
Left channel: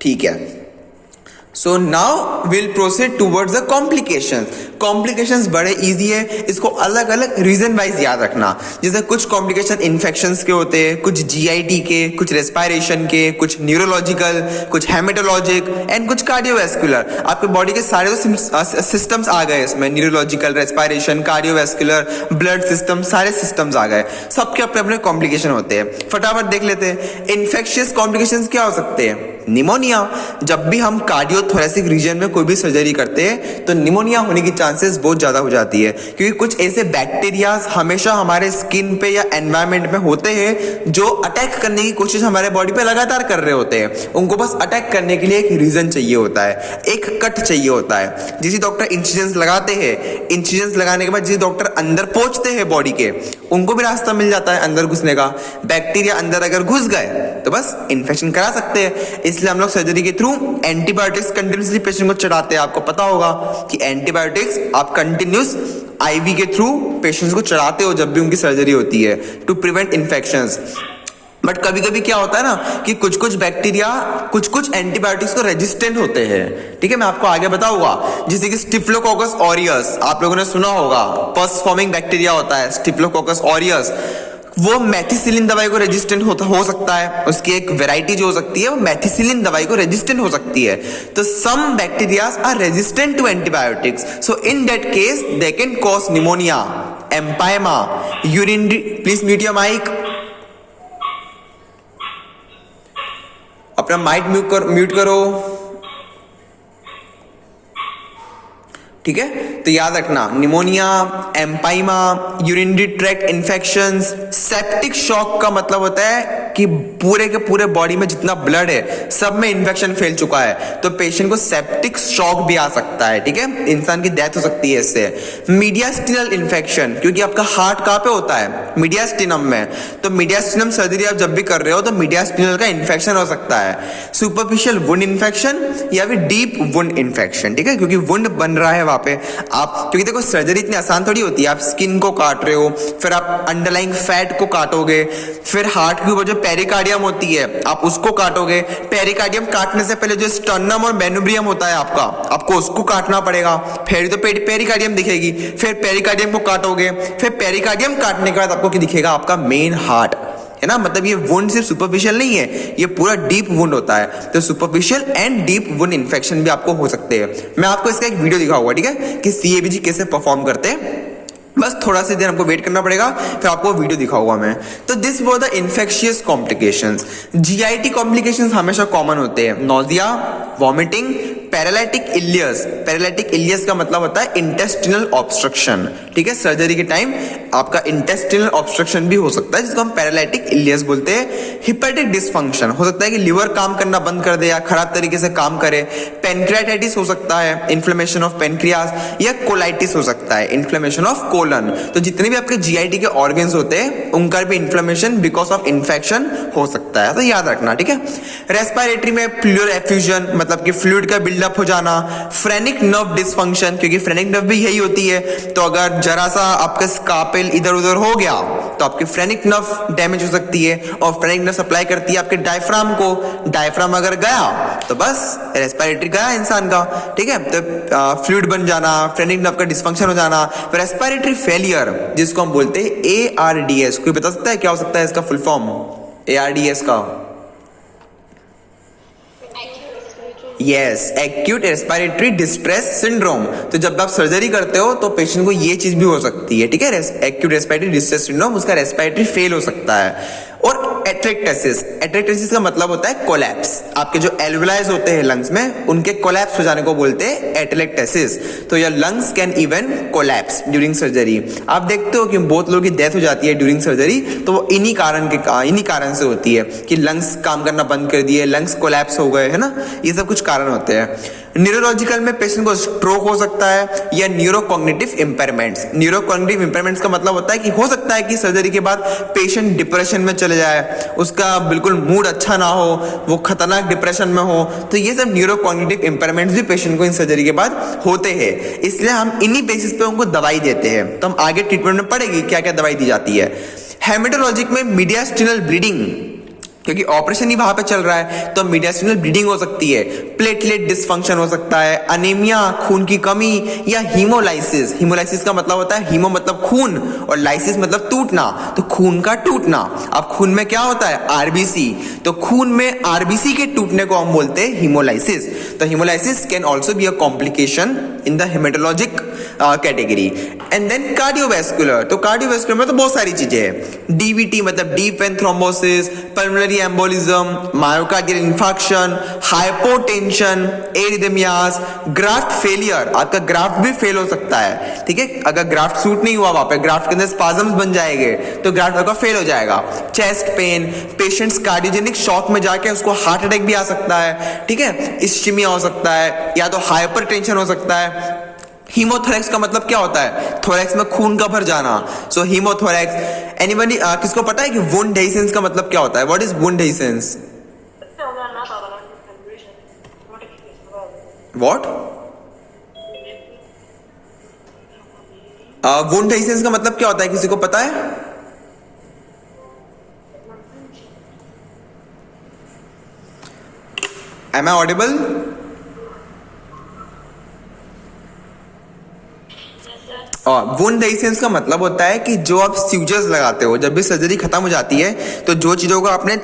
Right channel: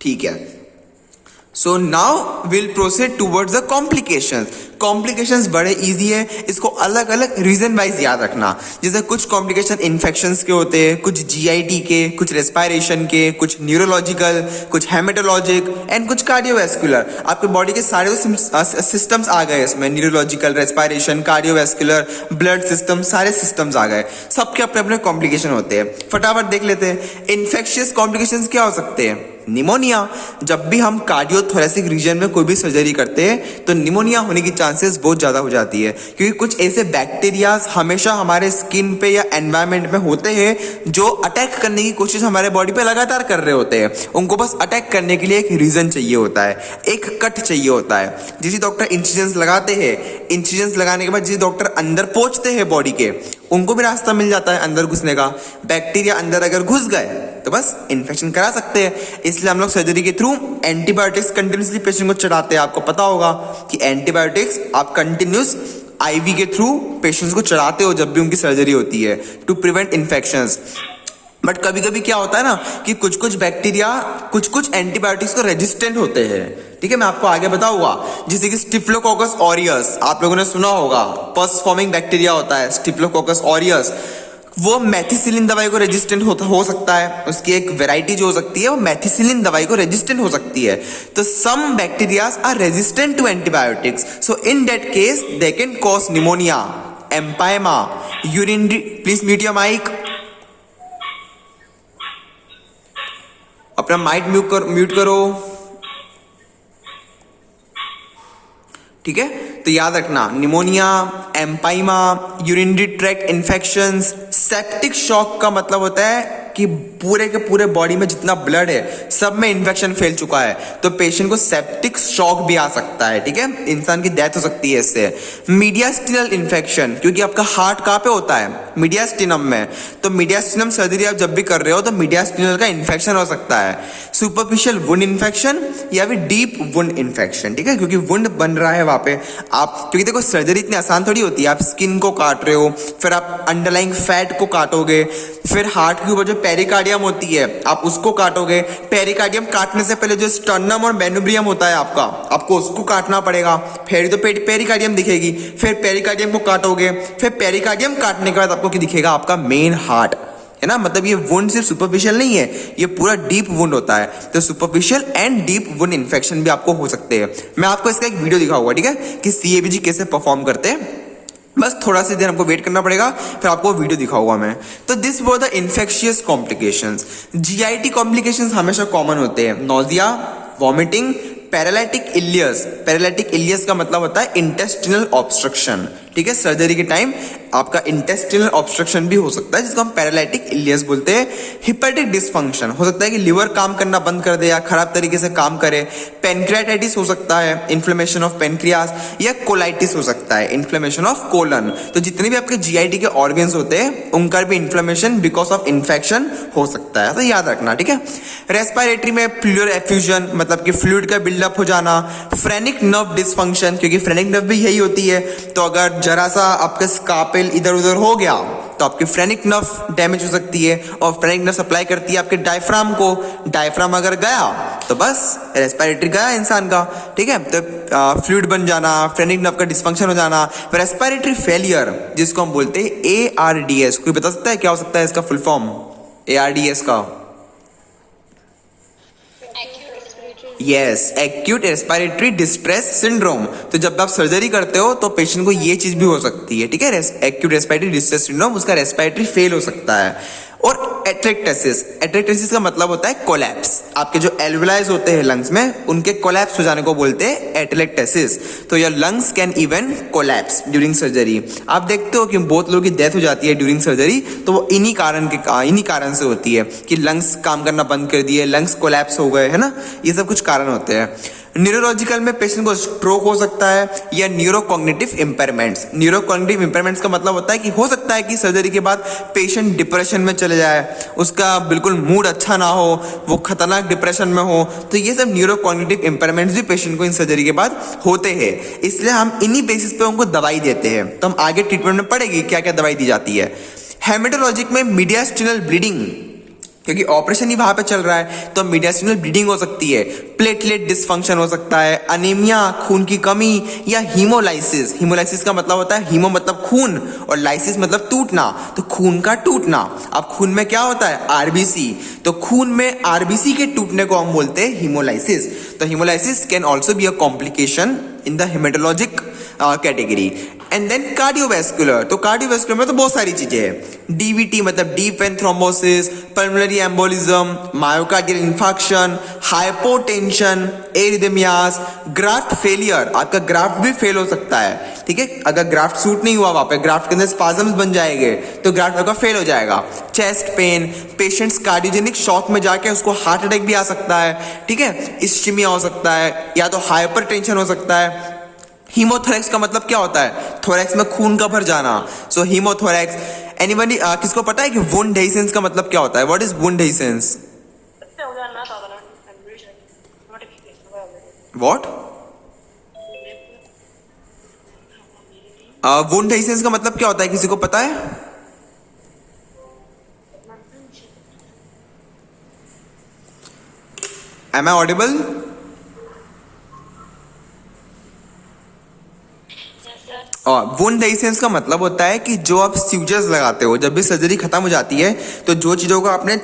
ठीक है। So now will proceed towards the complications. Complications बड़े इजी है, इसको अलग अलग रीजन वाइज याद रखना। जैसे कुछ कॉम्प्लिकेशन इन्फेक्शंस के होते हैं, कुछ GIT के, कुछ रेस्पिरेशन के, कुछ न्यूरोलॉजिकल, कुछ हेमेटोलॉजिक एंड कुछ कार्डियोवैस्कुलर। आपके बॉडी के सारे सिस्टम्स आ गए इसमें, neurological, respiration, cardiovascular, blood system, सारे सिस्टम्स आ गए। सबके अपने अपने कॉम्प्लिकेशन होते हैं। फटाफट देख लेते हैं। इन्फेक्शियस कॉम्प्लिकेशंस क्या हो सकते हैं? निमोनिया। जब भी हम कार्डियोथोरेसिक रीजन में कोई भी सर्जरी करते हैं तो निमोनिया होने की चांसेस बहुत ज्यादा हो जाती है, क्योंकि कुछ ऐसे बैक्टीरियाज हमेशा हमारे स्किन पे या एनवायरमेंट में होते हैं जो अटैक करने की कोशिश हमारे बॉडी पे लगातार कर रहे होते हैं। उनको बस अटैक करने के लिए एक रीजन चाहिए होता है, एक कट चाहिए होता है। जिसे डॉक्टर इंसिजन्स लगाते हैं, इंसिजन्स लगाने के बाद जिसे डॉक्टर अंदर पहुंचते हैं बॉडी के, उनको भी रास्ता मिल जाता है अंदर घुसने का। बैक्टीरिया अंदर अगर घुस गए तो बस इन्फेक्शन करा सकते हैं। इसलिए हम लोग सर्जरी के थ्रू एंटीबायोटिक्स कंटिन्यूसली पेशेंट को चढ़ाते हैं। आपको पता होगा कि एंटीबायोटिक्स आप कंटिन्यूस IV के थ्रू पेशेंट्स को चढ़ाते हो जब भी उनकी सर्जरी होती है, टू प्रिवेंट इन्फेक्शंस। बट कभी कभी क्या होता है ना कि कुछ कुछ बैक्टीरिया कुछ एंटीबायोटिक्स को रेजिस्टेंट होते हैं, ठीक है, मैं आपको आगे बताऊंगा। जैसे कि स्टिफ्लोकोकस ऑरियस, आप लोगों ने सुना होगा, पस फॉर्मिंग बैक्टीरिया होता है स्टिफ्लोकोकस ऑरियस। वो मैथिसिलिन दवाई को रेजिस्टेंट हो सकता है, उसकी एक वेराइटी जो हो सकती है वो मैथिसिलिन दवाई को रेजिस्टेंट हो सकती है। तो some bacterias are resistant to antibiotics, so in that case they can cause pneumonia, empyema, urinary. Please mute your mic, अपना माइक म्यूट करो, ठीक है। तो याद रखना, pneumonia, empyema, urinary tract infections. Septic shock का मतलब होता है कि पूरे के पूरे बॉडी में जितना ब्लड है सब में इन्फेक्शन फैल चुका है, तो पेशेंट को सेप्टिक शॉक भी आ सकता है, ठीक है, इंसान की डेथ हो सकती है इससे। मीडियास्टिनल इन्फेक्शन, क्योंकि आपका हार्ट कहाँ पे होता है, मीडियास्टिनम में, तो मीडियास्टिनम सर्जरी आप जब भी कर रहे हो तो मीडियास्टिनल का इन्फेक्शन हो सकता है। सुपरफिशियल वुंड इन्फेक्शन या फिर डीप वुंड इन्फेक्शन, ठीक है, क्योंकि वुंड बन रहा है वहां पे आप, क्योंकि देखो सर्जरी इतनी आसान थोड़ी होती है, आप स्किन को काट रहे हो, फिर आप अंडरलाइंग फैट को काटोगे, फिर हार्ट के ऊपर जो पेरिकार्डियम होती है आप उसको काटोगे, पेरिकार्डियम काटने से पहले जो स्टर्नम और मेनुब्रियम होता है आपका, आपको उसको काटना पड़ेगा, फिर तो पेरिकार्डियम दिखेगी, फिर पेरिकार्डियम को काटोगे, फिर पेरिकार्डियम काटने के बाद आपको क्या दिखेगा, आपका मेन हार्ट, है ना। मतलब ये वुंड सिर्फ सुपरफिशियल नहीं है, ये पूरा डीप वुंड होता है, तो superficial and deep wound infection भी आपको हो सकते हैं। मैं आपको इसका एक वीडियो दिखाऊंगा, ठीक है, कि CABG कैसे परफॉर्म करते हैं, बस थोड़ा सी देर हमको वेट करना पड़ेगा, फिर आपको वीडियो दिखाऊंगा मैं। तो this were the infectious complications. GIT complications हमेशा कॉमन होते हैं, nausea, vomiting, paralytic ileus. Paralytic ileus का मतलब होता है इंटेस्टिनल ऑब्स्ट्रक्शन, ठीक है, सर्जरी के टाइम आपका इंटेस्टिनल ऑब्स्ट्रक्शन भी हो सकता है, जिसको हम पैरालिटिक इलियस बोलते हैं। हिपेटिक डिस्फंक्शन हो सकता है कि लिवर काम करना बंद कर दे या खराब तरीके से काम करे। पेनक्रियाटाइटिस हो सकता है, इन्फ्लेमेशन ऑफ पेनक्रियास, या कोलाइटिस हो सकता है, इन्फ्लेमेशन ऑफ कोलन। तो जितने भी आपके GIT के ऑर्गन्स होते हैं उनका भी इन्फ्लेमेशन बिकॉज ऑफ इन्फेक्शन हो सकता है, तो याद रखना, ठीक है। रेस्पिरेटरी में फ्लूइड एफ्यूजन, मतलब कि फ्लूइड का बिल्डअप हो जाना। फ्रेनिक नर्व डिस्फंक्शन, क्योंकि फ्रेनिक नर्व भी यही होती है, तो अगर जरा सा आपका स्कार्पेल इधर उधर हो गया तो आपकी फ्रेनिक नर्व डैमेज हो सकती है, और फ्रेनिक नर्व सप्लाई करती है आपके डायफ्राम को, डायफ्राम अगर गया तो बस रेस्पिरेटरी गया इंसान का, ठीक है। तो फ्लूइड बन जाना, फ्रेनिक नर्व का डिस्फंक्शन हो जाना, रेस्पिरेटरी फेलियर जिसको हम बोलते हैं ARDS। कोई बता सकता है क्या हो सकता है इसका फुल फॉर्म ARDS का? Yes, acute respiratory distress syndrome. तो जब आप सर्जरी करते हो तो पेशेंट को ये चीज भी हो सकती है, ठीक है, एक्यूट रेस्पिरेटरी डिस्ट्रेस सिंड्रोम, उसका रेस्पिरेटरी फेल हो सकता है। और एटेक्टेसिस, एटेक्टेसिस का मतलब होता है कोलैप्स, आपके जो एल्वेलाइज होते हैं लंग्स में उनके कोलैप्स हो जाने को बोलते हैं एटेक्टेसिस। तो your lungs can even collapse during surgery. आप देखते हो कि बहुत लोगों की डेथ हो जाती है ड्यूरिंग सर्जरी, तो वो इन्हीं कारण से होती है कि लंग्स काम करना बंद कर दिए, लंग्स कोलैप्स हो गए, है ना, ये सब कुछ कारण होते हैं। न्यूरोलॉजिकल में पेशेंट को स्ट्रोक हो सकता है, या न्यूरोकॉग्निटिव इंपेयरमेंट्स। न्यूरोकॉग्निटिव इंपेयरमेंट्स का मतलब होता है कि हो सकता है कि सर्जरी के बाद पेशेंट डिप्रेशन में चले जाए, उसका बिल्कुल मूड अच्छा ना हो, वो खतरनाक डिप्रेशन में हो, तो ये सब न्यूरोकॉग्निटिव इंपेयरमेंट्स भी पेशेंट को इन सर्जरी के बाद होते हैं। इसलिए हम इन्हीं बेसिस पे उनको दवाई देते हैं, तो हम आगे ट्रीटमेंट में पढ़ेंगे क्या क्या दवाई दी जाती है। हेमेटोलॉजिक में मीडियास्टिनल ब्लीडिंग, क्योंकि ऑपरेशन ही वहां पे चल रहा है, तो मीडियास्टिनल ब्लीडिंग हो सकती है, प्लेटलेट डिस्फंक्शन हो सकता है, अनीमिया, खून की कमी, या हीमोलाइसिस। हीमोलाइसिस का मतलब होता है, हीमो मतलब खून और लाइसिस मतलब टूटना, तो खून का टूटना। अब खून में क्या होता है, RBC, तो खून में RBC के टूटने को हम बोलते हैं हीमोलाइसिस। तो haemolysis can also be a complication in the haematologic category. And then cardiovascular, तो कार्डियोवैस्कुलर में तो बहुत सारी चीजें हैं। DVT मतलब deep vein thrombosis, pulmonary embolism, myocardial infarction, hypotension, arrhythmias, graft failure, आपका ग्राफ्ट भी फेल हो सकता है, ठीक है, अगर ग्राफ्ट सूट नहीं हुआ वहां पे, ग्राफ्ट के अंदर स्पाजम्स बन जाएंगे तो ग्राफ्ट आपका फेल हो जाएगा। Chest pain, patients cardiogenic shock में जाके उसको हार्ट अटैक भी आ सकता है, ठीक है, इस्चीमिया हो सकता है, या तो हाइपरटेंशन हो सकता है। हीमोथोरैक्स का मतलब क्या होता है, थोरैक्स में खून का भर जाना, सो हीमोथोरैक्स। एनीबॉडी किसको पता है कि वुंड डेहिसेंस का मतलब क्या होता है, what is wound dehiscence? What? Wound dehiscence का मतलब क्या होता है, किसी को पता है? Am I audible? Wound dehiscence का मतलब होता है कि जो आप स्यूचर्स लगाते हो, जब भी सर्जरी खत्म हो जाती है तो जो चीजों को आपने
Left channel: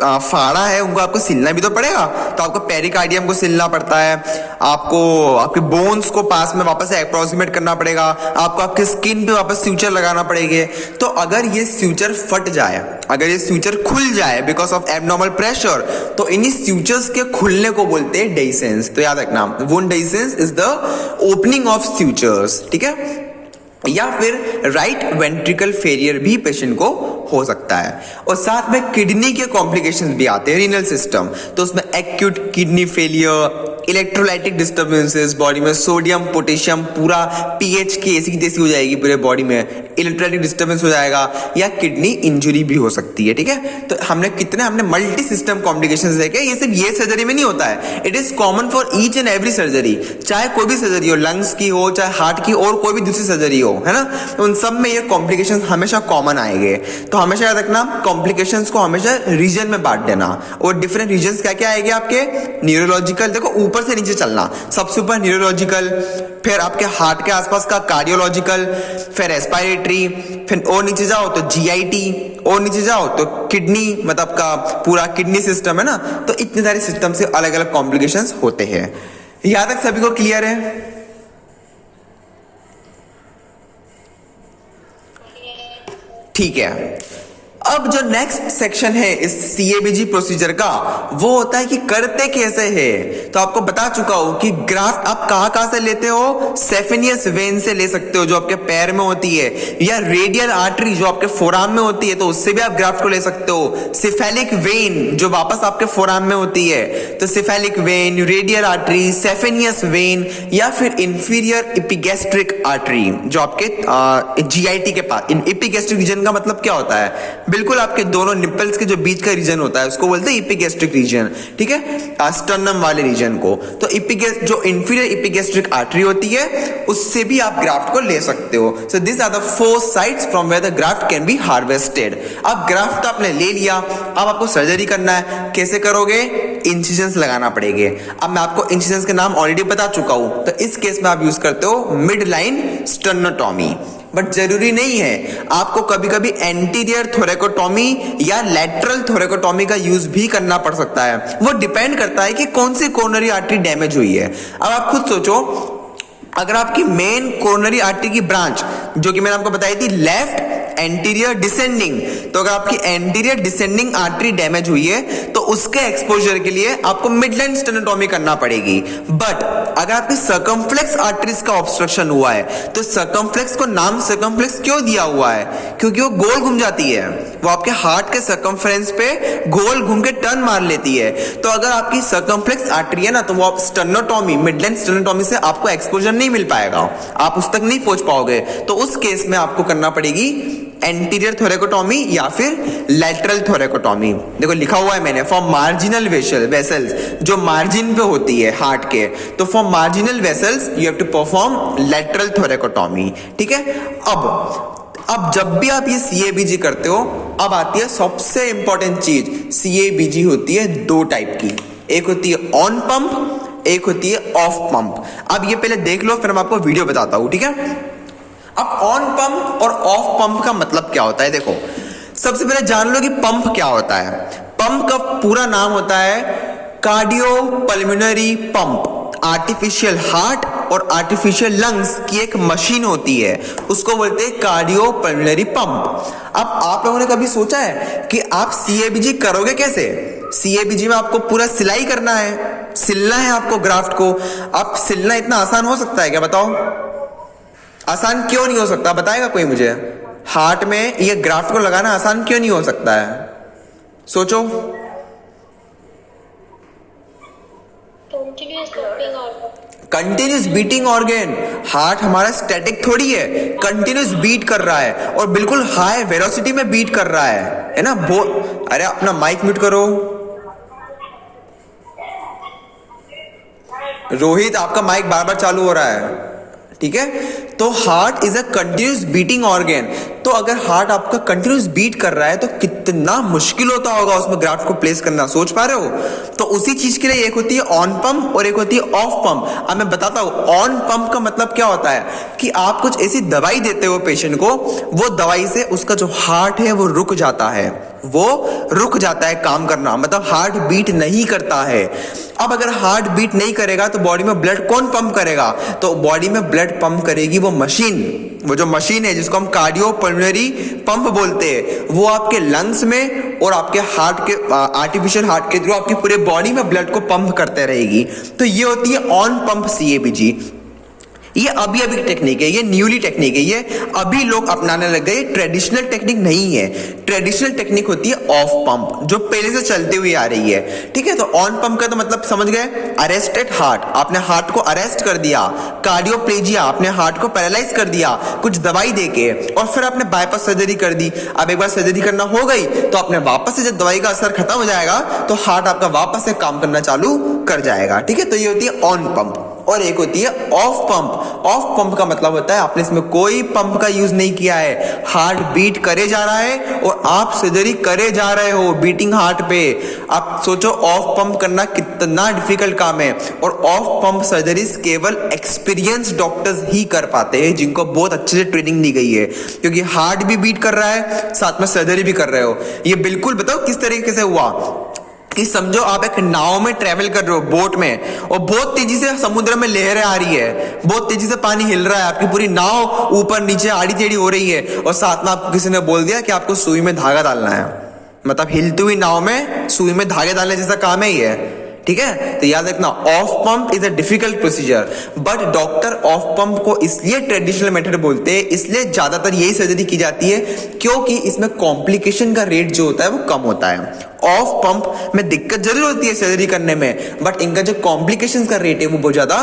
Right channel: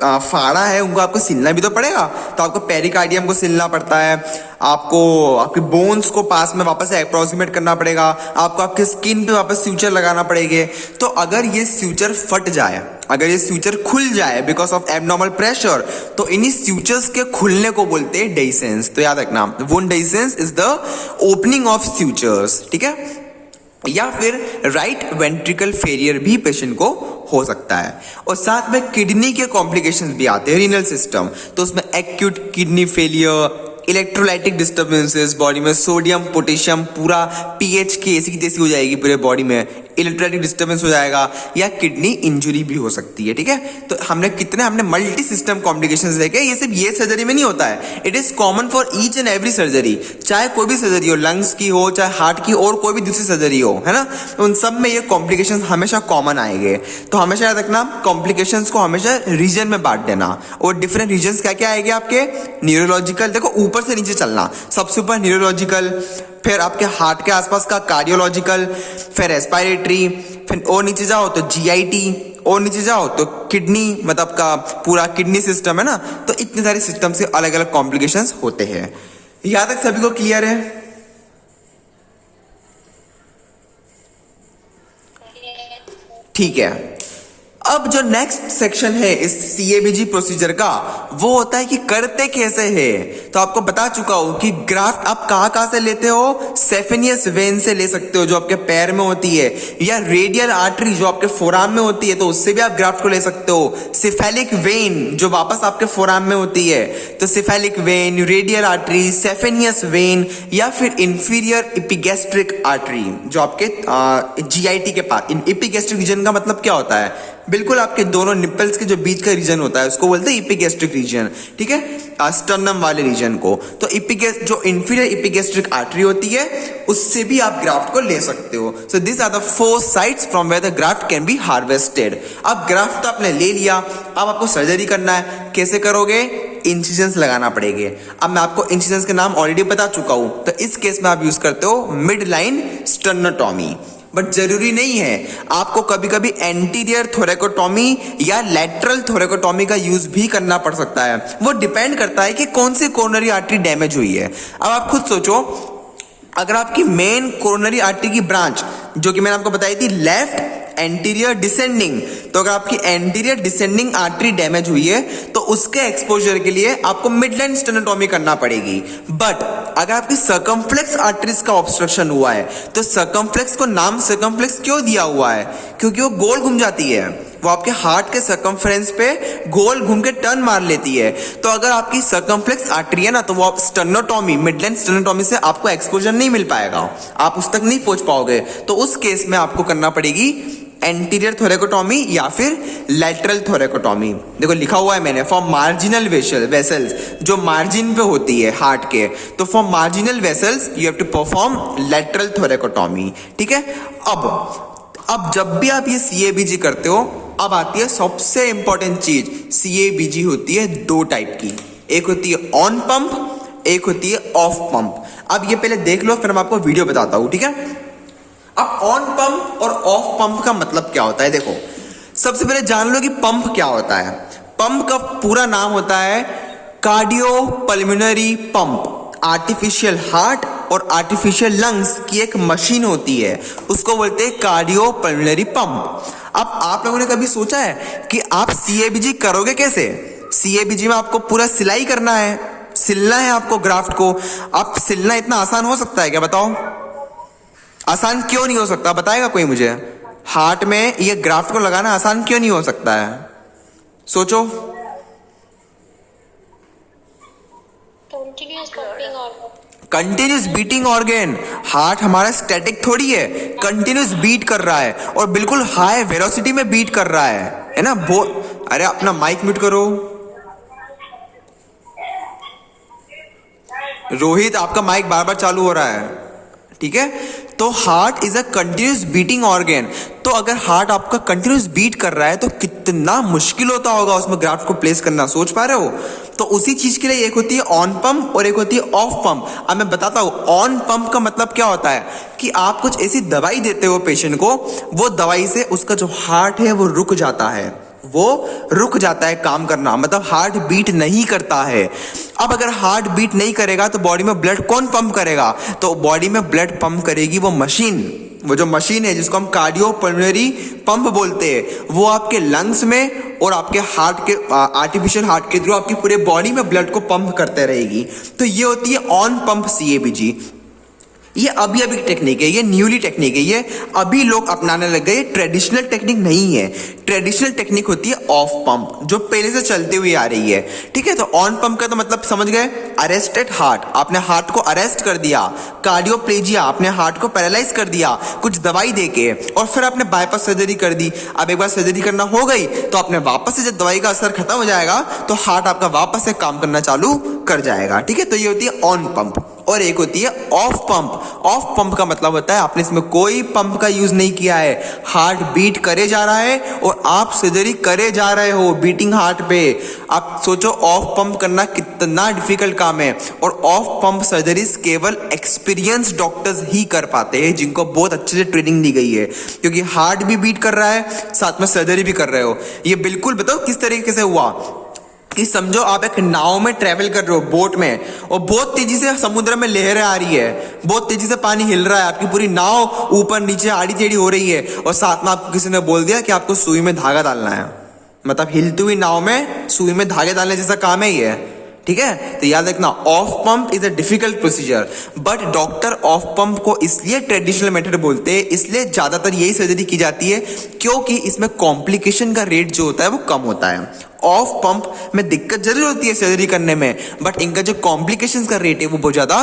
फाड़ा है उनको आपको सिलना भी तो पड़ेगा, तो आपको पेरिकार्डियम को सिलना पड़ता है, आपको आपके बोन्स को पास में वापस से अप्रोक्सीमेट करना पड़ेगा, आपको आपके स्किन पे वापस स्यूचर लगाना पड़ेंगे। तो अगर ये स्यूचर फट जाए, अगर ये स्यूचर खुल जाए बिकॉज ऑफ एबनॉर्मल प्रेशर, तो इन्हीं स्यूचर्स के खुलने को बोलते हैं डेहिसेंस। तो याद रखना, wound dehiscence is the opening of sutures, ठीक है। या फिर राइट वेंट्रिकल फेलियर भी पेशेंट को हो सकता है। और साथ में किडनी के कॉम्प्लिकेशंस भी आते हैं, रीनल सिस्टम, तो उसमें acute kidney failure, electrolytic disturbances, body में सोडियम पोटेशियम पूरा पीएच की ऐसी की तैसी हो जाएगी पूरे बॉडी में, इलेक्ट्रोलाइटिक डिस्टर्बेंस हो जाएगा, या किडनी इंजरी भी हो सकती है। ठीक है, तो हमने मल्टी सिस्टम कॉम्प्लिकेशंस देखे। ये सिर्फ ये सर्जरी में नहीं होता है, it is common for each and every surgery, चाहे कोई भी सर्जरी हो, लंग्स की हो, चाहे हार्ट की और कोई भी दूसरी सर्जरी हो, है ना, तो उन सब में ये कॉम्प्लिकेशंस हमेशा कॉमन आएंगे। तो हमेशा याद रखना, कॉम्प्लिकेशंस को हमेशा रीजन में बांट देना, और डिफरेंट रीजन क्या क्या आएंगे आपके, न्यूरोलॉजिकल, देखो ऊपर से नीचे चलना, सबसे ऊपर न्यूरोलॉजिकल, फिर आपके हार्ट के आसपास का कार्डियोलॉजिकल, फिर रेस्पिरेटरी, फिर और नीचे जाओ तो जीआईटी, और नीचे जाओ तो किडनी, मतलब का पूरा किडनी सिस्टम है ना। तो इतने सारे सिस्टम से अलग अलग कॉम्प्लिकेशंस होते हैं। यहां तक सभी को क्लियर है? ठीक है। अब जो नेक्स्ट सेक्शन है इस सीएबीजी प्रोसीजर का, वो होता है कि करते कैसे हैं। तो आपको बता चुका हूं कि ग्राफ्ट आप कहां से लेते हो, सेफेनियस वेन से ले सकते हो जो आपके पैर में होती है, या रेडियल आर्टरी जो आपके फोराम में होती है, तो उससे भी आप ग्राफ्ट को ले सकते हो। सिफेलिक वेन जो वापस आपके फोराम में होती है, तो cephalic vein, radial artery, saphenous vein, या फिर इंफीरियर इपिगैस्ट्रिक आर्टरी जो आपके जीआईटी के पास। इपिगैस्ट्रिक रीजन का मतलब क्या होता है, बिल्कुल आपके दोनों निप्पल्स के जो बीच का रीजन होता है उसको बोलते हैं इपिगैस्ट्रिक रीजन। ठीक है, स्टर्नम वाले रीजन को। तो जो इंफीरियर इपिगैस्ट्रिक आर्टरी होती है उससे भी आप ग्राफ्ट को ले सकते हो। So this are the 4 sites from where the graft can be harvested. अब ग्राफ्ट तो आपने ले लिया, अब आपको सर्जरी करना है। कैसे करोगे, इंसिजन्स लगाना पड़ेगा। अब मैं आपको इंसिजन्स के नाम ऑलरेडी बता चुका हूं, तो इस केस में आप यूज करते हो मिड लाइन स्टर्नोटॉमी। बट जरूरी नहीं है, आपको कभी कभी एंटीरियर थोरेकोटॉमी या लैटरल थोरेकोटॉमी का यूज भी करना पड़ सकता है। वो डिपेंड करता है कि कौन सी कोरोनरी आर्टरी डैमेज हुई है। अब आप खुद सोचो, अगर आपकी मेन कोरोनरी आर्टरी की ब्रांच जो कि मैंने आपको बताई थी लेफ्ट एंटीरियर डिसेंडिंग, तो अगर आपकी एंटीरियर डिसेंडिंग आर्टरी डैमेज हुई है तो उसके एक्सपोजर के लिए आपको मिडलाइन स्टेनोटॉमी करना पड़ेगी। बट अगर आपकी सर्कमफ्लेक्स आर्टरीज का ऑब्स्ट्रक्शन हुआ है, तो सर्कमफ्लेक्स को नाम सर्कमफ्लेक्स क्यों दिया हुआ है, क्योंकि वो गोल घूम जाती है, वो आपके हार्ट के सर्कमफ्रेंस पे गोल घूम के टर्न मार लेती है। तो अगर आपकी सर्कमफ्लेक्स आर्टरी है ना, तो वो आप स्टेनोटॉमी, मिडलाइन स्टेनोटॉमी से आपको एक्सपोजर नहीं मिल पाएगा, आप उस तक नहीं पहुंच पाओगे। तो उस केस में आपको करना पड़ेगी एंटीरियर थोरेकोटॉमी या फिर लैटरल थोरेकोटॉमी। देखो लिखा हुआ है मैंने, फॉर मार्जिनल वेसल्स जो मार्जिन पे होती है हार्ट के, तो for marginal vessels you have to perform lateral thoracotomy. ठीक है। अब जब भी आप ये सीएबीजी करते हो, अब आती है सबसे इंपॉर्टेंट चीज। सीएबीजी होती है 2 टाइप की, एक होती है ऑन पंप, एक होती है ऑफ पंप। अब ये पहले देख लो, फिर मैं आपको वीडियो बताता हूं। ठीक है। अब ऑन पंप और ऑफ पंप का मतलब क्या होता है, देखो सबसे पहले जान लो कि पंप क्या होता है। पंप का पूरा नाम होता है कार्डियोपल्मोनरी पंप। आर्टिफिशियल हार्ट और आर्टिफिशियल लंग्स की एक मशीन होती है, उसको बोलते हैं कार्डियोपल्मोनरी पंप। अब आप लोगों ने कभी सोचा है कि आप सीएबीजी करोगे कैसे? सीएबीजी में आपको पूरा सिलाई करना है, सिलना है आपको ग्राफ्ट को। अब सिलना इतना आसान हो सकता है क्या, बताओ? आसान क्यों नहीं हो सकता, बताएगा कोई मुझे? हार्ट में ये ग्राफ्ट को लगाना आसान क्यों नहीं हो सकता है, सोचो। Continuous beating organ. हार्ट हमारा स्टैटिक थोड़ी है, कंटिन्यूस बीट कर रहा है और बिल्कुल हाई वेलोसिटी में बीट कर रहा है ना। अरे अपना माइक म्यूट करो। रोहित आपका माइक बार बार चालू हो रहा है। ठीक है। तो heart is a continuous beating organ. तो अगर हार्ट आपका कंटिन्यूस बीट कर रहा है तो कितना मुश्किल होता होगा उसमें ग्राफ्ट को प्लेस करना, सोच पा रहे हो? तो उसी चीज के लिए एक होती है ऑन पंप और एक होती है ऑफ पंप। अब मैं बताता हूं ऑन पंप का मतलब क्या होता है, कि आप कुछ ऐसी दवाई देते हो पेशेंट को, वो दवाई से उसका जो हार्ट है वो रुक जाता है, वो रुक जाता है काम करना, मतलब हार्ट बीट नहीं करता है। अब अगर हार्ट बीट नहीं करेगा तो बॉडी में ब्लड कौन पंप करेगा? तो बॉडी में ब्लड पंप करेगी वो मशीन। वो जो मशीन है जिसको हम कार्डियोपल्मोनरी पंप बोलते हैं, वो आपके लंग्स में और आपके हार्ट के आर्टिफिशियल हार्ट के थ्रू आपकी पूरे बॉडी में ब्लड को पंप करते रहेगी। तो ये होती है ऑन पंप सीएबीजी। ये अभी अभी टेक्निक है, ये न्यूली टेक्निक है, ये अभी लोग अपनाने लग गए। ट्रेडिशनल टेक्निक नहीं है। ट्रेडिशनल टेक्निक होती है ऑफ पंप, जो पहले से चलती हुई आ रही है, ठीक है। तो ऑन पंप का तो मतलब समझ गए, अरेस्टेड हार्ट, आपने हार्ट को अरेस्ट कर दिया, कार्डियोप्लेजिया, आपने हार्ट को पैरालाइज कर दिया कुछ दवाई देके, और फिर आपने बाईपास सर्जरी कर दी। अब एक बार सर्जरी करना हो गई तो आपने वापस से जब दवाई का असर खत्म हो जाएगा तो हार्ट आपका वापस से काम करना चालू कर जाएगा, ठीक है। तो ये होती है ऑन पंप। और एक होती है ऑफ पंप। ऑफ पंप का मतलब होता है आपने इसमें कोई पंप का यूज नहीं किया है, हार्ट बीट करे जा रहा है और आप सर्जरी करे जा रहे हो बीटिंग हार्ट पे। आप सोचो ऑफ पंप करना कितना डिफिकल्ट काम है। और ऑफ पंप सर्जरीज केवल एक्सपीरियंस डॉक्टर्स ही कर पाते हैं, जिनको बहुत अच्छे से ट्रेनिंग दी गई है, क्योंकि हार्ट भी बीट कर रहा है, साथ में सर्जरी भी कर रहे हो। ये बिल्कुल बताओ किस तरीके से हुआ कि समझो आप एक नाव में ट्रेवल कर रहे हो, बोट में, और बहुत तेजी से समुद्र में लहरें आ रही है, बहुत तेजी से पानी हिल रहा है, आपकी पूरी नाव ऊपर नीचे आड़ी टेढ़ी हो रही है, और साथ में आपको किसी ने बोल दिया कि आपको सुई में धागा डालना है। मतलब हिलती हुई नाव में सुई में धागे डालने जैसा काम है ये, ठीक है। तो याद रखना, of pump is a difficult procedure, but doctor of pump को इसलिए ट्रेडिशनल मेथड बोलते हैं, इसलिए ज्यादातर यही सर्जरी की जाती है क्योंकि इसमें कॉम्प्लिकेशन का रेट जो होता है वो कम होता है। ऑफ पंप में दिक्कत जरूर होती है सर्जरी करने में, बट इनका जो कॉम्प्लिकेशंस का रेट है वो बहुत ज्यादा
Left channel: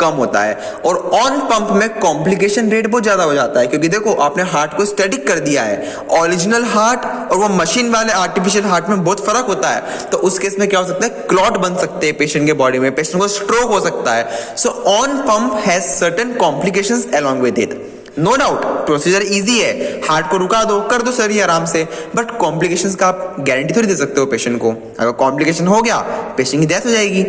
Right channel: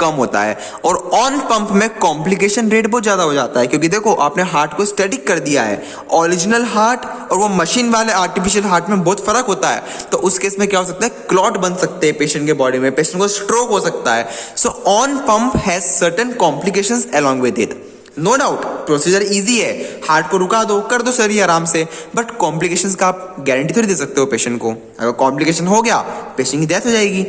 कम होता है। और ऑन पंप में कॉम्प्लिकेशन रेट बहुत ज्यादा हो जाता है, क्योंकि देखो आपने हार्ट को स्टैटिक कर दिया है। ओरिजिनल हार्ट और वो मशीन वाले आर्टिफिशियल हार्ट में बहुत फर्क होता है। तो उस केस में क्या हो सकता है, क्लॉट बन सकते हैं पेशेंट के बॉडी में, पेशेंट को स्ट्रोक हो सकता है। So on pump has certain complications along with it. No doubt procedure easy है, हार्ट को रुका दो, कर दो सर आराम से, बट कॉम्प्लिकेशंस का आप गारंटी थोड़ी दे सकते हो पेशेंट को। अगर कॉम्प्लिकेशन हो गया पेशेंट की डेथ हो जाएगी,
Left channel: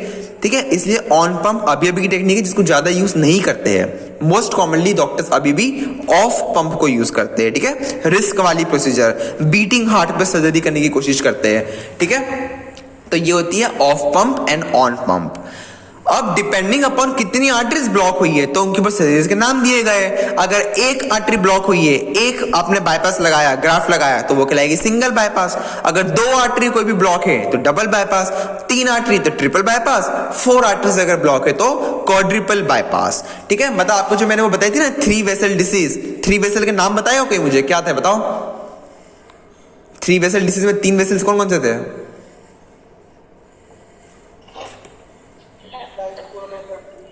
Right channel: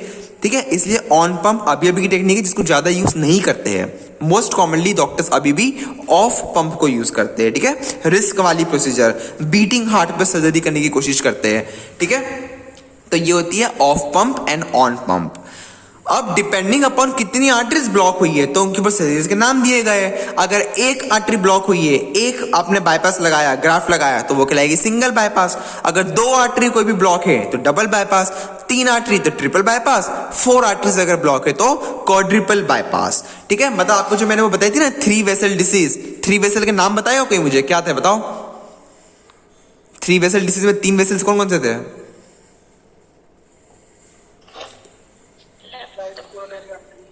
ठीक है। इसलिए ऑन पंप अभी अभी की टेक्निक है जिसको ज्यादा यूज नहीं करते हैं। मोस्ट कॉमनली डॉक्टर्स अभी भी ऑफ पंप को यूज करते हैं, ठीक है। रिस्क वाली प्रोसीजर, बीटिंग हार्ट पे सर्जरी करने की कोशिश करते हैं, ठीक है। तो ये होती है of pump and on pump. अब डिपेंडिंग अपॉन कितनी आर्टरीज ब्लॉक हुई है तो उनके ऊपर सर्जरीज के नाम दिए गए। अगर एक आर्टरी ब्लॉक हुई है, एक आपने बाईपास लगाया, ग्राफ्ट लगाया, तो वो कहलाएगी सिंगल बाईपास। अगर दो आर्टरी कोई भी ब्लॉक है तो डबल बाईपास, तीन आर्टरी तो ट्रिपल बाईपास, फोर आर्टरीज अगर ब्लॉक है तो क्वाड्रिपल बाईपास, ठीक है। मतलब आपको जो मैंने वो बताई थी ना 3 वेसल डिसीज, 3 वेसल के नाम बताए हो कोई मुझे, क्या थे बताओ। 3 वेसल डिसीज में 3 वेसल्स कौन कौन से थे?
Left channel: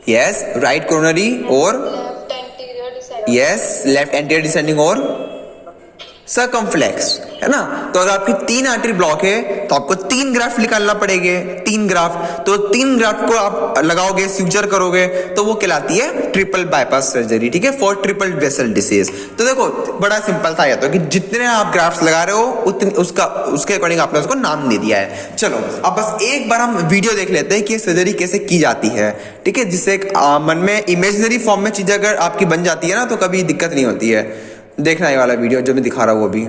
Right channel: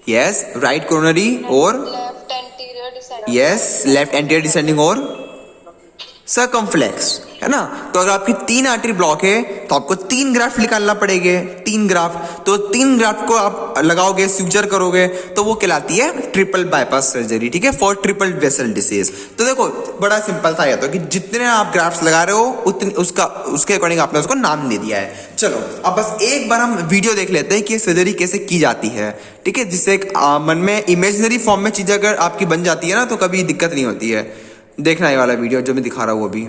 यस, राइट कोरोनरी और left anterior descending, yes, left anterior descending और सर्कमफ्लेक्स, है ना। तो अगर आपकी 3 आर्टरी ब्लॉक है तो आपको 3 ग्राफ्ट निकालना पड़ेंगे, 3 ग्राफ्ट। तो 3 ग्राफ्ट को आप लगाओगे, सूचर करोगे, तो वो कहलाती है ट्रिपल बाईपास सर्जरी, ठीक है, फॉर ट्रिपल वेसल डिसीज। तो देखो बड़ा सिंपल था ये तो, कि जितने आप ग्राफ्ट लगा रहे हो उतने उसके अकॉर्डिंग आपने उसको नाम दे दिया है। चलो अब बस एक बार हम वीडियो देख लेते हैं कि सर्जरी कैसे की जाती है, ठीक है, जिससे एक मन में इमेजिनरी फॉर्म में चीजें अगर आपकी बन जाती है ना तो कभी दिक्कत नहीं होती है। देखना ये वाला वीडियो जो मैं दिखा रहा हूँ वो भी।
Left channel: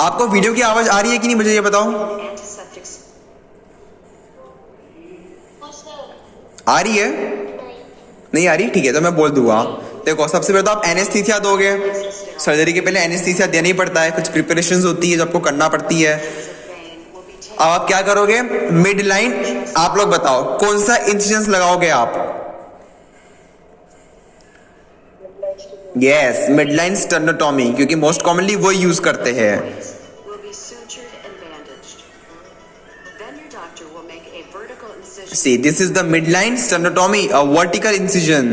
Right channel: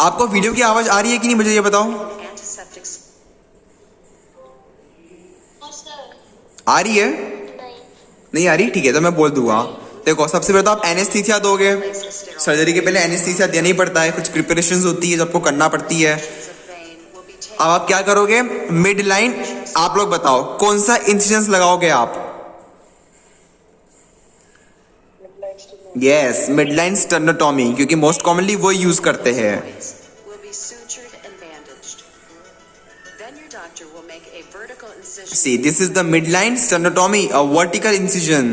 आपको वीडियो की आवाज आ रही है कि नहीं मुझे ये बताओ। आ रही है? नहीं आ रही, ठीक है, तो मैं बोल दूंगा। देखो सबसे पहले तो आप एनेस्थीसिया दोगे। सर्जरी के पहले एनेस्थीसिया देना ही पड़ता है, कुछ प्रिपरेशंस होती है जो आपको करना पड़ती है। अब आप क्या करोगे, मिड लाइन, आप लोग बताओ कौन सा इंसिजन लगाओगे आप? यस, मिडलाइन स्टर्नोटॉमी, क्योंकि मोस्ट कॉमनली वो यूज करते हैं। See, this is the midline sternotomy, a vertical incision.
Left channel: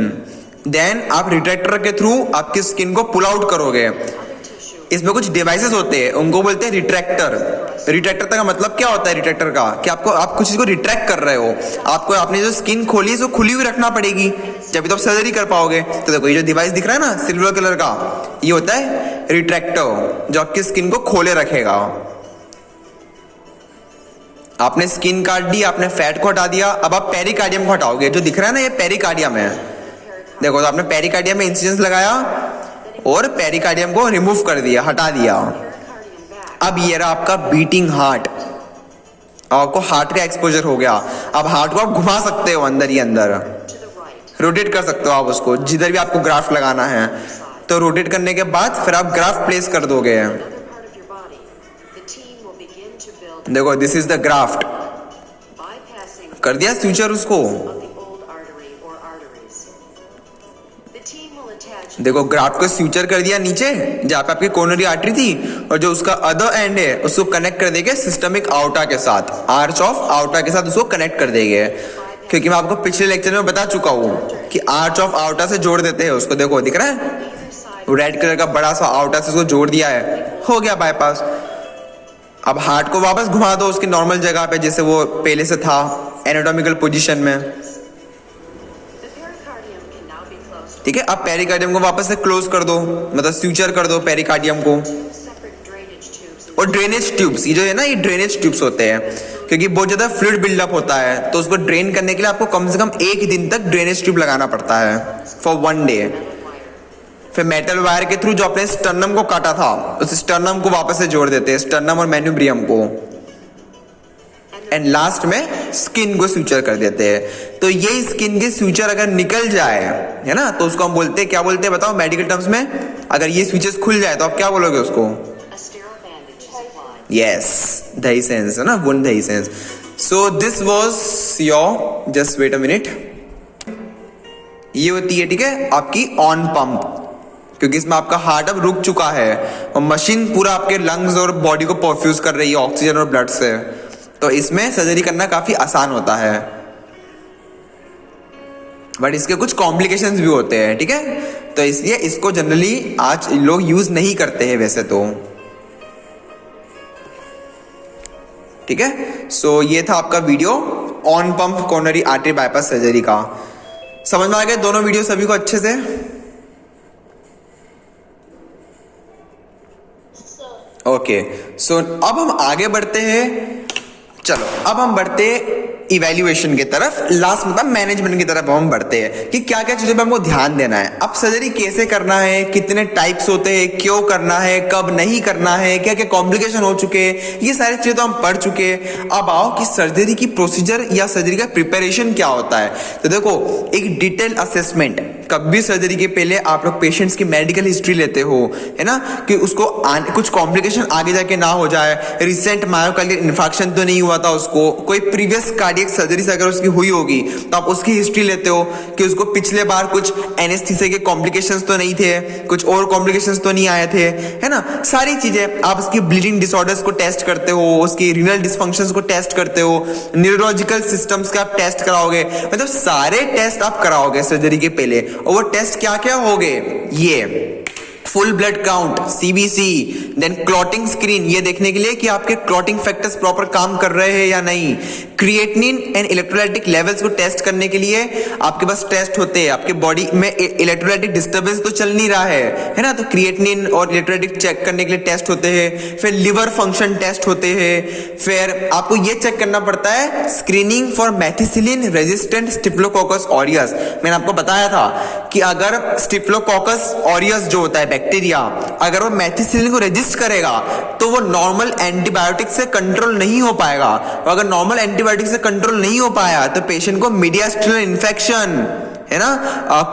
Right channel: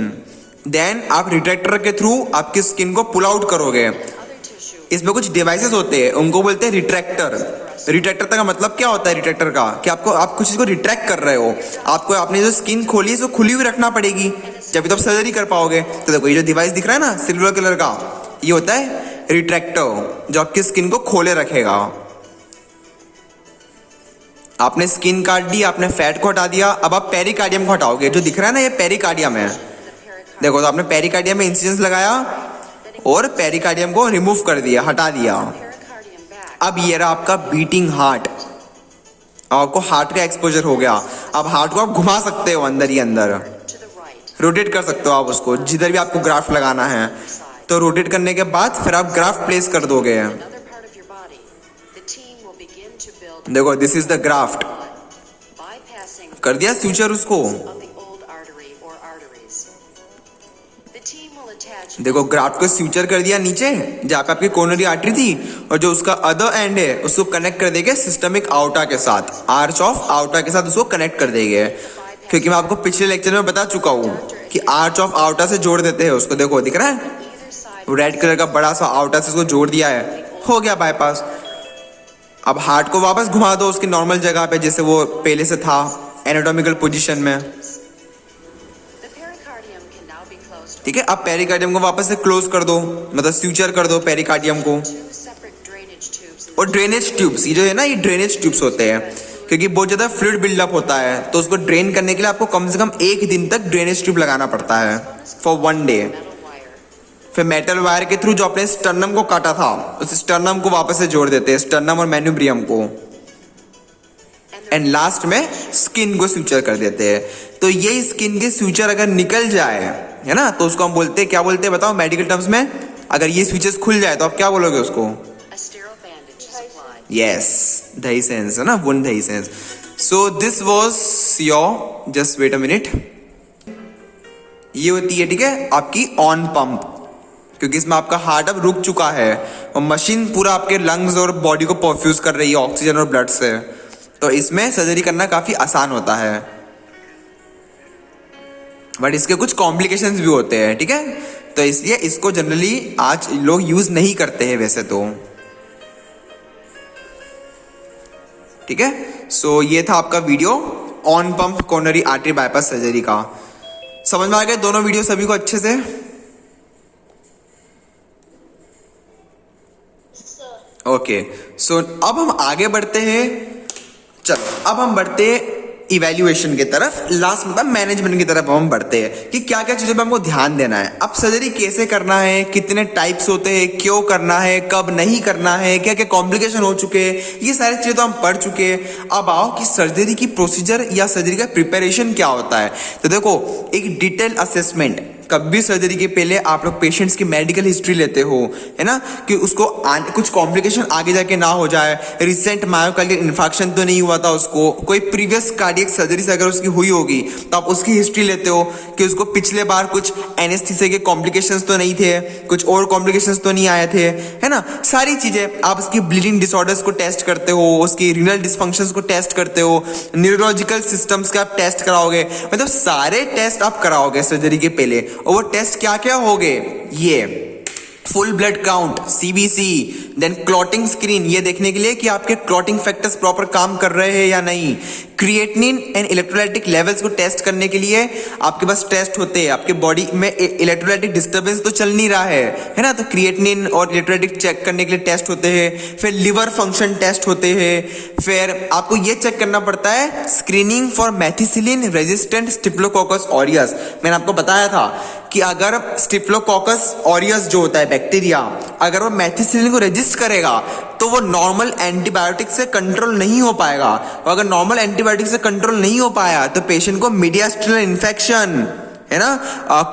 Then आप रिट्रैक्टर के थ्रू आपकी स्किन को पुल आउट करोगे। इसमें कुछ डिवाइसेस होते हैं, उनको बोलते हैं रिट्रैक्टर। रिट्रैक्टर का मतलब क्या होता है रिट्रैक्टर का, कि आप कुछ चीज को रिट्रैक्ट कर रहे हो, आपको अपनी जो स्किन खोली है खुली हुई रखना पड़ेगी, जब तो आप सर्जरी कर पाओगे। तो देखो ये जो डिवाइस दिख रहा है ना सिल्वर कलर का, ये होता है रिट्रैक्टर, जो आपकी स्किन को खोले रखेगा। आपने स्किन काट दी, आपने फैट को हटा दिया, अब आप पेरिकार्डियम को हटाओगे। जो दिख रहा है ना ये पेरिकार्डियम है, देखो तो आपने पेरिकार्डियम में इंसिजन लगाया और पेरिकार्डियम को रिमूव कर दिया, हटा दिया। अब ये रहा आपका बीटिंग हार्ट, आपको हार्ट का एक्सपोजर हो गया। अब हार्ट को आप घुमा सकते हो अंदर ही अंदर, रोटेट कर सकते हो आप उसको, जिधर भी आपको ग्राफ्ट लगाना है। तो रोटेट करने के बाद फिर आप ग्राफ्ट प्लेस कर दोगे। देखो दिस इज द ग्राफ्ट, कर दिया फ्यूचर उसको। of the old artery or arteries. The team will attach देखो ग्राफ्ट को फ्यूचर कर दिया नीचे जहाँ पे आपकी कोरोनरी आर्टरी थी, और जो उसका अदर एंड है उसको कनेक्ट कर देंगे सिस्टमिक आउटा के साथ, आर्च ऑफ आउटा के साथ उसको कनेक्ट कर देंगे। क्योंकि मैं आपको पिछले लेक्चर में बता चुका हूँ कि आर्च ऑफ आउटा से जोड़ देते हैं उसको। देखो दिख रहा है either side रेड कलर का बड़ा सा आउटा से उसको जोड़ दिया है, हो गया बाईपास। अब हार्ट को वापस घुमा दो उसकी नॉर्मल जगह पे जैसे वो पहले से था, एनाटॉमिकल पोजीशन में। The pericardium can now be closed ठीक है, अब पेरिकार्डियम को वापस से क्लोज कर दो, मतलब फ्यूचर कर दो पेरिकार्डियम को। with 2 separate drainage tubes. और ड्रेनेज ट्यूब्स, ये जो है ना ये ड्रेनेज ट्यूब्स होते हैं, क्योंकि बहुत ज्यादा फ्लूइड बिल्डअप होता है तो उसको ड्रेन करने के लिए आपको कम से कम 1 दिन तक ड्रेनेज ट्यूब लगाना पड़ता है फॉर 1 डे। Metal wire. फिर मेटल वायर के थ्रू जो अपने स्टर्नम को काटा था उस स्टर्नम को वापस से जोड़ देते हैं, स्टर्नम और मेन्यूब्रियम को। एंड लास्ट में स्किन को फ्यूचर कर देते हैं। तो यही स्किन के फ्यूचर अगर निकल जाए है ना तो उसको हम बोलते हैं, क्या बोलते हैं बताओ मेडिकल टर्म्स में? अगर ये फ्यूचर्स खुल जाए तो आप क्या बोलोगे उसको? A sterile bandage is applied. Yes, dehiscence है ना, wound dehiscence. So this was your, just wait a minute, ये होती है ठीक है आपकी ऑन पंप, क्योंकि इसमें आपका हार्ट अब रुक चुका है और मशीन पूरा आपके लंग्स और बॉडी को परफ्यूज कर रही है ऑक्सीजन और ब्लड से, तो इसमें सर्जरी करना काफी आसान होता है। बट इसके कुछ कॉम्प्लिकेशंस भी होते हैं, ठीक है, तो इसलिए इसको जनरली आज लोग यूज नहीं करते हैं वैसे तो। ठीक है, सो ये था आपका video on pump coronary artery bypass surgery का। समझ में आ गए दोनों वीडियो सभी को अच्छे से? सर ओके, सो अब हम आगे बढ़ते हैं। चलो अब हम बढ़ते इवैल्यूएशन की तरफ, लास्ट मतलब मैनेजमेंट की तरफ हम बढ़ते हैं कि क्या क्या चीजों पे हमको ध्यान देना है। अब सर्जरी कैसे करना है, कितने टाइप्स होते हैं, क्यों करना है, कब नहीं करना है, क्या क्या कॉम्प्लिकेशन हो चुके हैं, ये सारी चीजें तो हम पढ़ चुके हैं। अब आओ कि सर्जरी की प्रोसीजर या सर्जरी का प्रिपरेशन क्या होता है। तो देखो एक डिटेल असेसमेंट, कभी सर्जरी के पहले आप लोग पेशेंट्स की मेडिकल हिस्ट्री लेते हो है ना, कि उसको कुछ कॉम्प्लिकेशन आगे जाके ना हो जाए, रिसेंट मायोकार्डियल इन्फार्क्शन तो नहीं हुआ था उसको, कोई प्रीवियस कार्डियक सर्जरी से अगर उसकी हुई होगी तो आप उसकी हिस्ट्री लेते हो कि उसको पिछले बार कुछ एनेस्थीसिया के कॉम्प्लिकेशंस तो नहीं थे, कुछ और कॉम्प्लिकेशंस तो नहीं आए थे, है ना, सारी चीजें। आप उसकी ब्लीडिंग डिसऑर्डर्स को टेस्ट करते हो, उसकी रीनल डिसफंक्शंस को टेस्ट करते हो, न्यूरोलॉजिकल सिस्टम्स का आप टेस्ट कराओगे, मतलब सारे टेस्ट आप कराओगे सर्जरी के पहले। और वो टेस्ट क्या क्या होंगे, ये full blood count CBC, then clotting screen, ये देखने के लिए कि आपके क्लॉटिंग फैक्टर्स प्रॉपर काम कर रहे हैं या नहीं, क्रिएटिनिन एंड इलेक्ट्रोलाइटिक लेवल्स को टेस्ट करने के लिए आपके पास टेस्ट होते हैं, आपके बॉडी में इलेक्ट्रोलाइटिक डिस्टर्बेंस तो चल नहीं रहा है ना, तो क्रिएटिनिन और इलेक्ट्रोलाइटिक चेक करने के लिए टेस्ट होते हैं, फिर लिवर फंक्शन टेस्ट होते हैं, फिर आपको ये चेक करना पड़ता है screening for methicillin resistant staphylococcus aureus. मैंने आपको बताया था कि अगर स्टिफ्लोकोकस ऑरियस जो होता है बैक्टीरिया, अगर वो मेथिसिलिन को रेजिस्ट करेगा तो वो नॉर्मल एंटीबायोटिक से कंट्रोल नहीं हो पाएगा, और अगर नॉर्मल एंटीबायोटिक से कंट्रोल नहीं हो पाया तो पेशेंट को मीडियास्टिनल इन्फेक्शन है ना,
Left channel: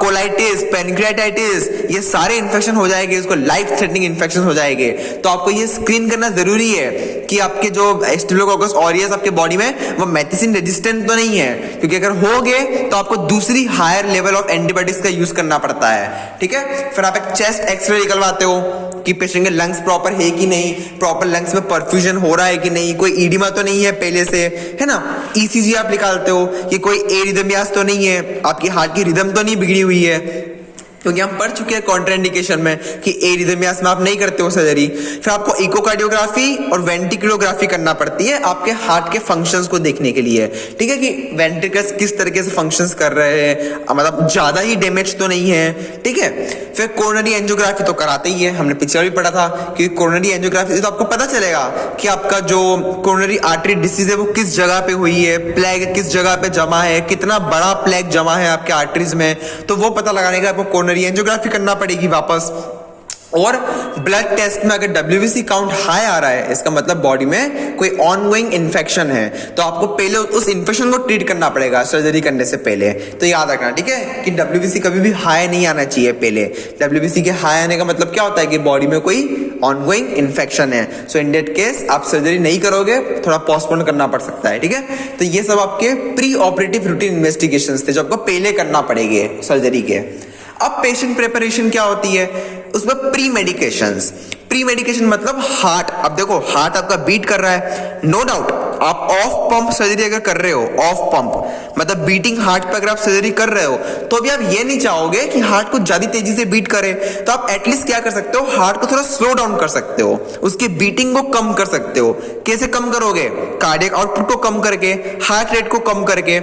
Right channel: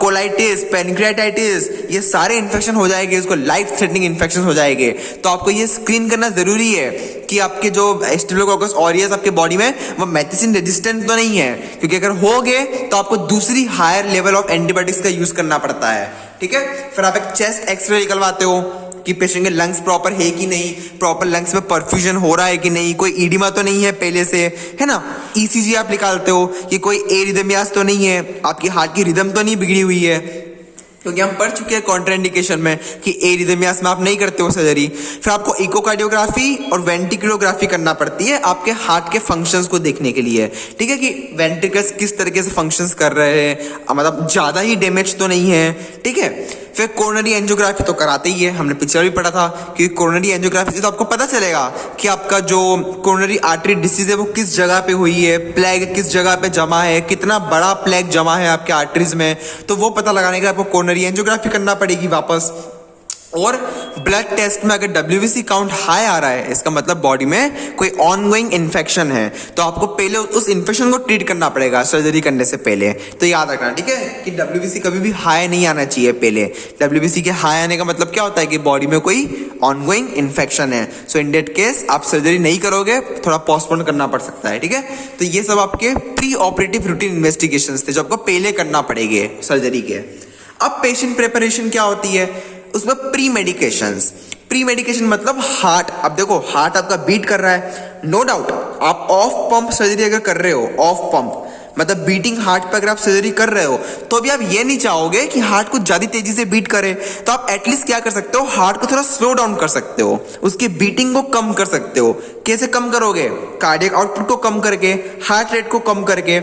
कोलाइटिस, पैनक्रियाटाइटिस, ये सारे इन्फेक्शन हो जाएंगे, इसको लाइफ थ्रेटनिंग इन्फेक्शन हो जाएंगे। तो आपको ये स्क्रीन करना जरूरी है कि आपके जो स्टिफ्लोकोकस ऑरियस आपके बॉडी में वो मेथिसिन रेजिस्टेंट तो नहीं है, क्योंकि अगर हो गए तो आपको दूसरी हायर लेवल ऑफ एंटीबायोटिक्स का यूज करना पड़ता है। ठीक है, फिर आप एक चेस्ट एक्सरे निकलवाते हो कि पेशेंट के लंग्स प्रॉपर है कि नहीं, प्रॉपर लंग्स में परफ्यूजन हो रहा है कि नहीं, कोई ईडिमा तो नहीं है पहले से, है ना। ईसीजी आप निकालते हो कि कोई एरिथमियास तो नहीं है, आपकी हार्ट की रिदम तो नहीं बिगड़ी हुई है, क्योंकि हम पढ़ चुके हैं कॉन्ट्राइंडिकेशन में कि एरिथमियास में आप नहीं करते हो सर्जरी। फिर आपको इकोकार्डियोग्राफी और वेंट्रिकुलोग्राफी करना पड़ती है आपके हार्ट के फंक्शंस को देखने के लिए, ठीक है, कि वेंट्रिकल्स किस तरीके से फंक्शंस कर रहे हैं, मतलब ज्यादा ही डैमेज तो नहीं है, ठीक है। फिर कोरोनरी एंजियोग्राफी तो कराते ही है, हमने पिक्चर भी पढ़ा था कि कोरोनरी एंजियोग्राफी से तो आपको पता चलेगा कि आपका जो कोरोनरी आर्टरी डिसीज है वो किस जगह पे हुई है, प्लेग किस जगह पे जमा है, कितना बड़ा प्लेग जमा है आपके आर्टरीज में, तो वो पता लगाने का आपको कोरोनरी एंजियोग्राफी करना पड़ेगी वापस। और ब्लड टेस्ट में अगर WBC काउंट हाई आ रहा है, इसका मतलब बॉडी में कोई ऑनगोइंग इन्फेक्शन है, तो आपको पहले उस इन्फेक्शन को ट्रीट करना पड़ेगा सर्जरी करने से पहले। तो याद रखना, ठीक है, कि WBC कभी भी हाई नहीं आना चाहिए पहले। WBC के हाई आने का मतलब क्या होता है कि बॉडी में कोई ऑनगोइंग इन्फेक्शन है। सो इन दैट केस आप सर्जरी नहीं करोगे, थोड़ा पोस्टपोन करना पड़ सकता है, ठीक है। तो ये सब आपके प्री ऑपरेटिव रूटीन इन्वेस्टिगेशंस थे जो आपको पहले करना पड़ेंगे सर्जरी के। अब पेशेंट प्रिपरेशन क्या होती है, उसमें प्री मेडिकेशंस। प्री मेडिकेशन मतलब हार्ट, अब देखो हार्ट आपका बीट कर रहा है, नो डाउट आप ऑफ पंप सर्जरी अगर कर रहे हो, ऑफ पंप मतलब बीटिंग हार्ट पे अगर आप सर्जरी कर रहे हो, तो भी आप ये नहीं चाहोगे कि हार्ट को ज्यादा तेजी से बीट करे, तो आप एटलीस्ट क्या कर सकते हो, हार्ट को थोड़ा स्लो डाउन कर सकते हो, उसकी बीटिंग को कम कर सकते हो। कैसे कम करोगे, कार्डियक आउटपुट को कम करके, हार्ट रेट को कम करके।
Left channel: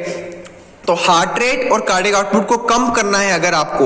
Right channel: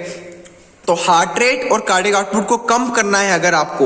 तो हार्ट रेट और कार्डियक आउटपुट को कम करना है अगर आपको,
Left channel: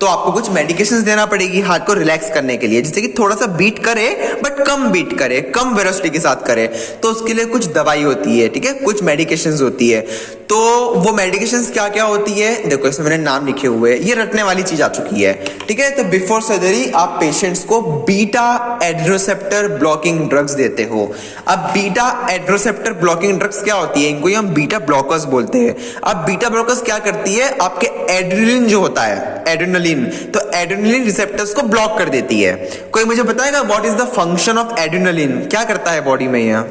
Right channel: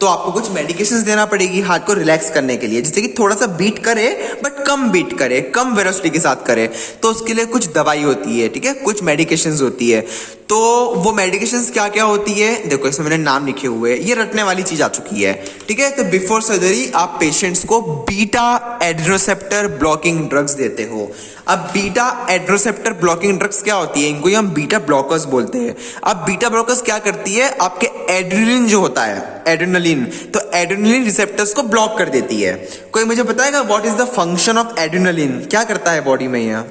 तो आपको कुछ मेडिकेशंस देना पड़ेगी हार्ट को रिलैक्स करने के लिए, जिससे कि थोड़ा सा बीट करे बट कम बीट करे, कम वेलोसिटी के साथ करे। तो उसके लिए कुछ दवाई होती है, ठीक है, कुछ मेडिकेशंस होती है। तो वो मेडिकेशंस क्या क्या होती है, देखो इसमें मैंने नाम लिखे हुए हैं, ये रटने वाली चीज आ चुकी है, ठीक है। तो बिफोर सर्जरी आप पेशेंट्स को बीटा एड्रोसेप्टर ब्लॉकिंग ड्रग्स देते हो। अब बीटा एड्रोसेप्टर ब्लॉकिंग ड्रग्स क्या होती है, इनको हम बीटा ब्लॉकर्स बोलते हैं। अब बीटा ब्लॉकर्स क्या करती है, आपके एड्रेनलिन जो होता है, एड्रेनलिन, तो एड्रेनलिन रिसेप्टर्स को ब्लॉक कर देती है। कोई मुझे बताएगा what is the function of adrenaline, क्या करता है बॉडी में यह?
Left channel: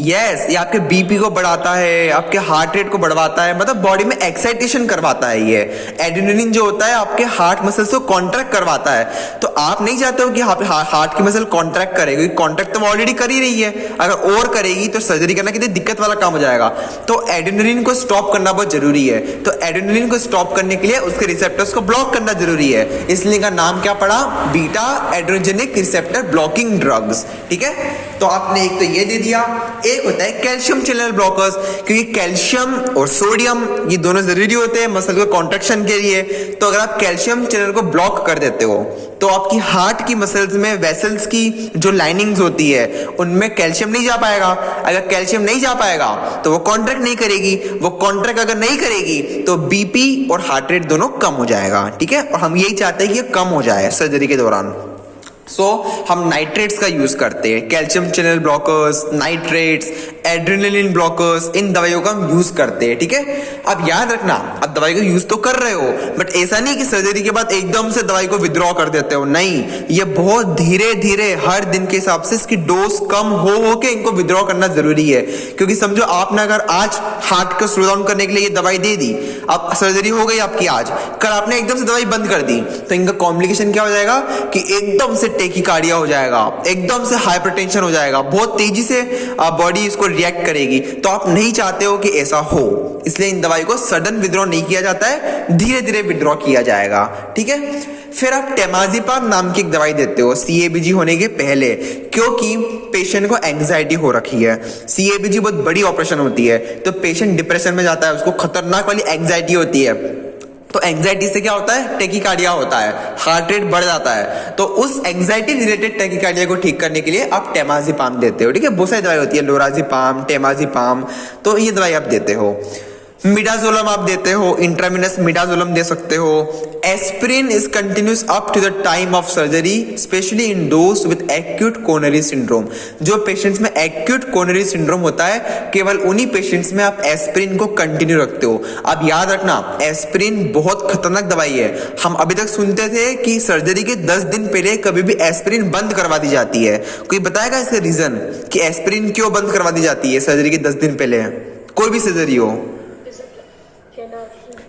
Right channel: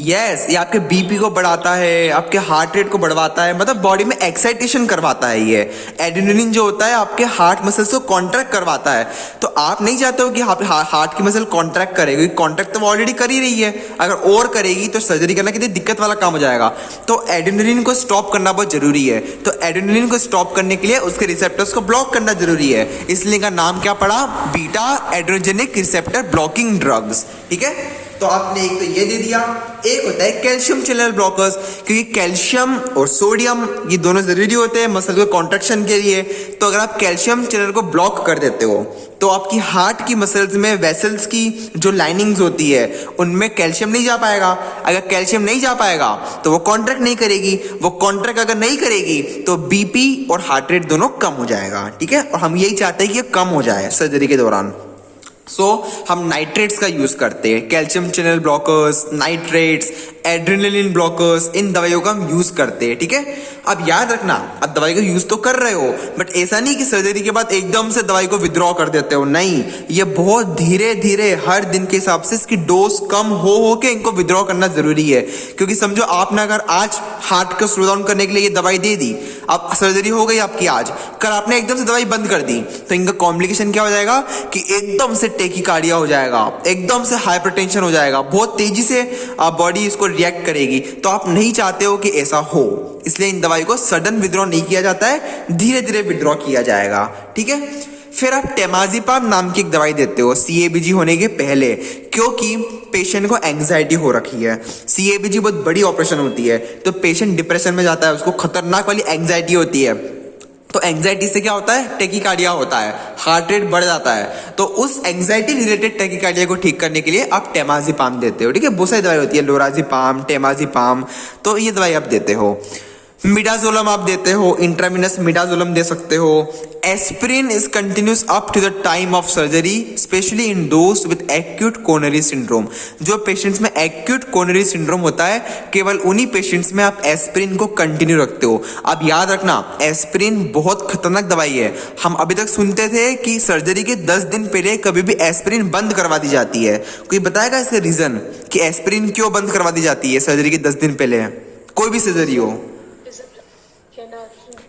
यस, ये आपके बीपी को बढ़ाता है, आपके हार्ट रेट को बढ़वाता है, मतलब बॉडी में एक्साइटेशन करवाता है। ये एड्रेनलिन जो होता है आपके हार्ट मसल्स को कॉन्ट्रैक्ट करवाता है। तो आप नहीं चाहते हो कि हार्ट की मसल कॉन्ट्रैक्ट करेगी, कॉन्ट्रैक्ट तो ऑलरेडी कर ही रही है, अगर और करेगी तो सर्जरी करना कितनी दिक्कत वाला काम हो जाएगा। तो एड्रेनलिन को स्टॉप करना बहुत जरूरी है। तो एड्रेनलिन को स्टॉप करने के लिए उसके रिसेप्टर्स को ब्लॉक करना जरूरी है, इसलिए का नाम क्या पड़ा, beta adrenergic receptor blocking drugs, ठीक है। तो आपने एक तो ये दे दिया, एक होता है कैल्शियम चैनल ब्लॉकर्स, क्योंकि कैल्शियम और सोडियम ये दोनों जरूरी होते हैं मसल के कॉन्ट्रैक्शन के लिए। तो अगर आप कैल्शियम चैनल को ब्लॉक कर देते हो, तो आपकी हार्ट की मसल्स में वेसल्स की जो लाइनिंग्स होती है उनमें कैल्शियम नहीं जा पाएगा। अगर कैल्शियम नहीं जा पाएगा तो वो कॉन्ट्रैक्ट नहीं करेगी, वो कॉन्ट्रैक्ट अगर नहीं करेगी तो बीपी और हार्ट रेट दोनों कम हो जाएगा, ठीक है। और हम यही चाहते हैं कि ये कम हो जाए सर्जरी के दौरान। सो हम नाइट्रेट्स का यूज करते हैं, calcium channel blockers, nitrates, adrenaline blockers, इन दवाइयों का हम यूज करते हैं, ठीक है। अब याद रखना, अब दवाई का यूज तो कर रहे हो, बट ऐसा नहीं कि सर्जरी के बाद एकदम से दवाई को विड्रॉ कर देते हो, नहीं, ये बहुत धीरे धीरे हर दिन के हिसाब से इसकी डोज कम हो के इनको विड्रॉ करना जरूरी है। क्योंकि समझो आपने अगर आज हार्ट को स्लो डाउन करने के लिए ये दवाई दे दी, अब सर्जरी हो गई आपकी आज, कल आपने एकदम से दवाई बंद कर दी, तो इनका कॉम्प्लिकेशन क्या हो जाएगा कि एकदम से टेकिकार्डिया हो जाएगा, एकदम से हाइपरटेंशन हो जाएगा, बहुत तेजी से बॉडी इसको रिएक्ट करेगी। तो आप नहीं चाहते हो कि ऐसा हो, इसलिए इन दवाई को सडन विड्रॉ नहीं किया जाता है, धीरे धीरे विड्रॉ किया जाएगा, ठीक है। फिर आप टेमाजिपाम नाम की एक दवाई देते हो सीएबीजी होने के पहले, क्योंकि पेशेंट को एंजाइटी हो रखी है। सीएबीजी बहुत बड़ी ऑपरेशन होती है, तो पेशेंट डिप्रेशन में जाता है, उसको खतरनाक वाली एंजाइटी होती है। तो एंजाइटी से क्या होता है, टेकिकार्डिया होता है, हार्ट रेट बढ़ जाता है। तो उस एंजाइटी रिलेटेड टेकिकार्डिया को ठीक करने के लिए आप टेमाजिपाम देते हो, ठीक है। बहुत सारी दवाई होती है, लोराजिपाम, टेमाजिपाम, तो ये दवाई आप देते हो। मिडाजोलम आप देते हो, इंट्रामिनस मिडाजोलम दे सकते हो। Aspirin is continues up to the time of surgery, especially in those with acute coronary syndrome. जो पेशेंट्स में एक्यूट कोरोनरी सिंड्रोम होता है, केवल उन्हीं पेशेंट्स में आप एस्पिरिन को कंटिन्यू रखते हो। अब याद रखना, एस्पिरिन बहुत खतरनाक दवाई है। हम अभी तक सुनते थे कि सर्जरी के 10 दिन पहले कभी भी एस्पिरिन बंद करवा दी जाती है। कोई बताएगा इसका रीजन कि एस्पिरिन क्यों बंद करवा दी जाती है सर्जरी के 10 दिन पहले, कोई भी सर्जरी हो?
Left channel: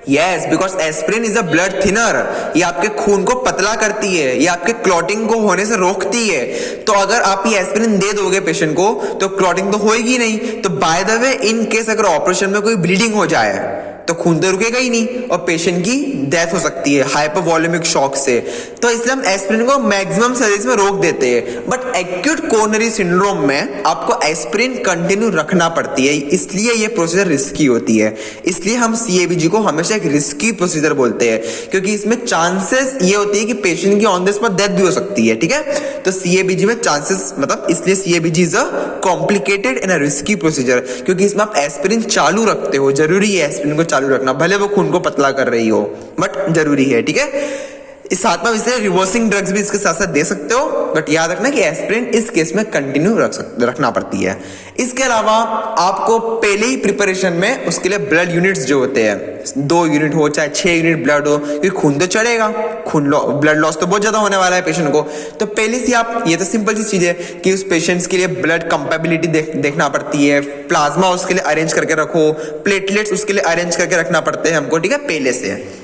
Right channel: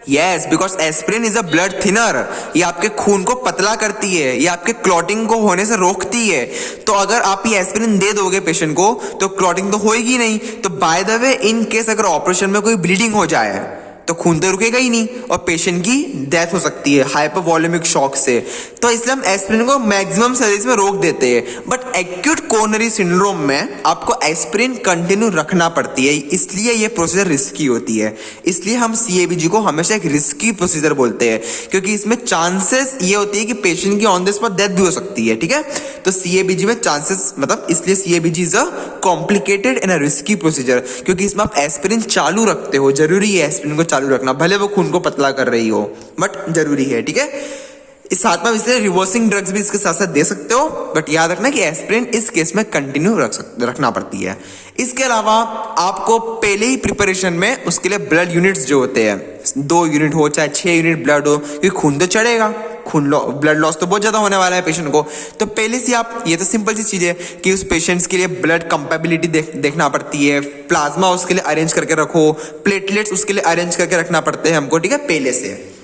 Yes, because aspirin is a blood thinner. ये आपके खून को पतला करती है, ये आपके क्लॉटिंग को होने से रोकती है। तो अगर आप ये एस्पिरिन दे दोगे पेशेंट को तो क्लॉटिंग तो होएगी नहीं। तो by the way, in case अगर ऑपरेशन में कोई ब्लीडिंग हो जाए तो खून तो रुकेगा ही नहीं और पेशेंट की डेथ हो सकती है हाइपोवॉल्यूमिक शॉक से। तो इसलिए हम एस्पिरिन को मैक्सिमम सर्जरीज में रोक देते हैं। बट एक्यूट कोरोनरी सिंड्रोम में आपको एस्पिरिन कंटिन्यू रखना पड़ती है, इसलिए ये प्रोसीजर रिस्की होती है। इसलिए हम सीएबीजी को हमेशा एक रिस्की प्रोसीजर बोलते हैं, क्योंकि इसमें चांसेस ये होती है कि पेशेंट की ऑन द स्पॉट डेथ भी हो सकती है, ठीक है। तो सीएबीजी में चांसेस, मतलब इसलिए CABG is a complicated and a risky procedure, क्योंकि इसमें आप एस्पिरिन चालू रखते हो। जरूरी है एस्पिरिन को चालू रखना, भले वो खून को पतला कर रही हो, बट जरूरी है, ठीक है। इस साथ में इसलिए रिवर्सिंग ड्रग्स भी इसके साथ साथ दे सकते हो, बट याद रखना कि एस्पिरिन इस केस में कंटिन्यू रखना पड़ती है। इसके अलावा आपको पहले ही प्रिपरेशन में उसके लिए ब्लड यूनिट्स जो होते हैं 2 यूनिट हो चाहे 6 यूनिट ब्लड हो, क्योंकि खून तो चढ़ेगा, ब्लड लॉस तो बहुत ज्यादा होने वाला है पेशेंट को। तो पहले से आप, ये तो सिंपल सी चीज है कि उस पेशेंट्स के लिए ब्लड कंपेबिलिटी देखना पड़ती है, प्लाज्मा उसके लिए अरेंज करके रखो, प्लेटलेट्स उसके लिए अरेंज करके रखना पड़ते हैं हमको, ठीक है, पहले से।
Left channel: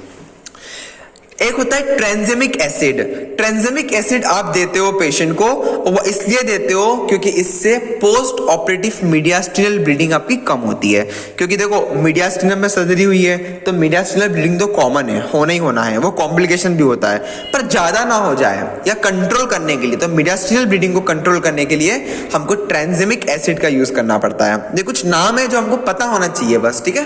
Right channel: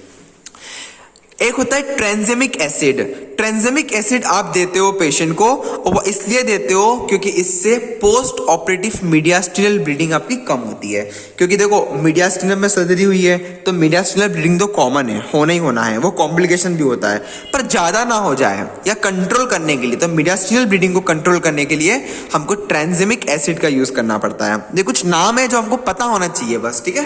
एक होता है ट्रांसजेमिक एसिड। ट्रांसजेमिक एसिड आप देते हो पेशेंट को, वो इसलिए देते हो क्योंकि इससे पोस्ट ऑपरेटिव मीडियास्टिनल ब्लीडिंग आपकी कम होती है। क्योंकि देखो मीडियास्टिनम में सर्जरी हुई है तो मीडियास्टिनल ब्लीडिंग तो कॉमन है, होना ही होना है, वो कॉम्प्लिकेशन भी होता है, पर ज्यादा ना हो जाए या कंट्रोल करने के लिए, तो मीडियास्टिनल ब्लीडिंग को कंट्रोल करने के लिए हमको ट्रांसजेमिक एसिड का यूज करना पड़ता है। ये कुछ नाम है जो हमको पता होना चाहिए बस, ठीक है।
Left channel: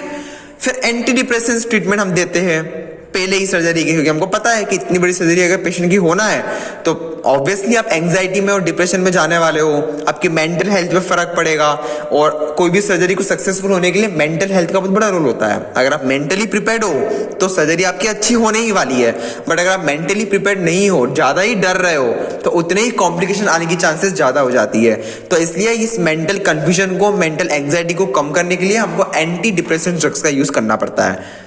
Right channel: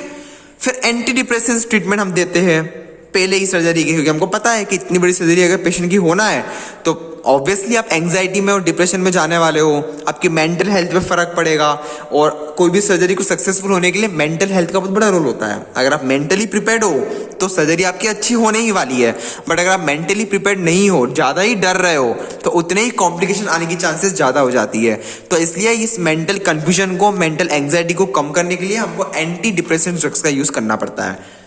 फिर एंटी डिप्रेसेंस ट्रीटमेंट हम देते हैं पहले ही सर्जरी की, क्योंकि हमको पता है कि इतनी बड़ी सर्जरी अगर पेशेंट की होना है तो ऑब्वियसली आप एंजाइटी में और डिप्रेशन में जाने वाले हो, आपकी मेंटल हेल्थ पे फर्क पड़ेगा। और कोई भी सर्जरी को सक्सेसफुल होने के लिए मेंटल हेल्थ का बहुत बड़ा रोल होता है। अगर आप मेंटली प्रिपेयर्ड हो तो सर्जरी आपकी अच्छी होने ही वाली है, बट अगर आप मेंटली प्रिपेयर्ड नहीं हो, ज्यादा ही डर रहे हो, तो उतने ही कॉम्प्लिकेशन आने की चांसेस ज्यादा हो जाती है। तो इसलिए इस मेंटल कंफ्यूजन को, मेंटल एंजाइटी को कम करने के लिए हमको एंटी डिप्रेशन ड्रग्स का यूज करना पड़ता है।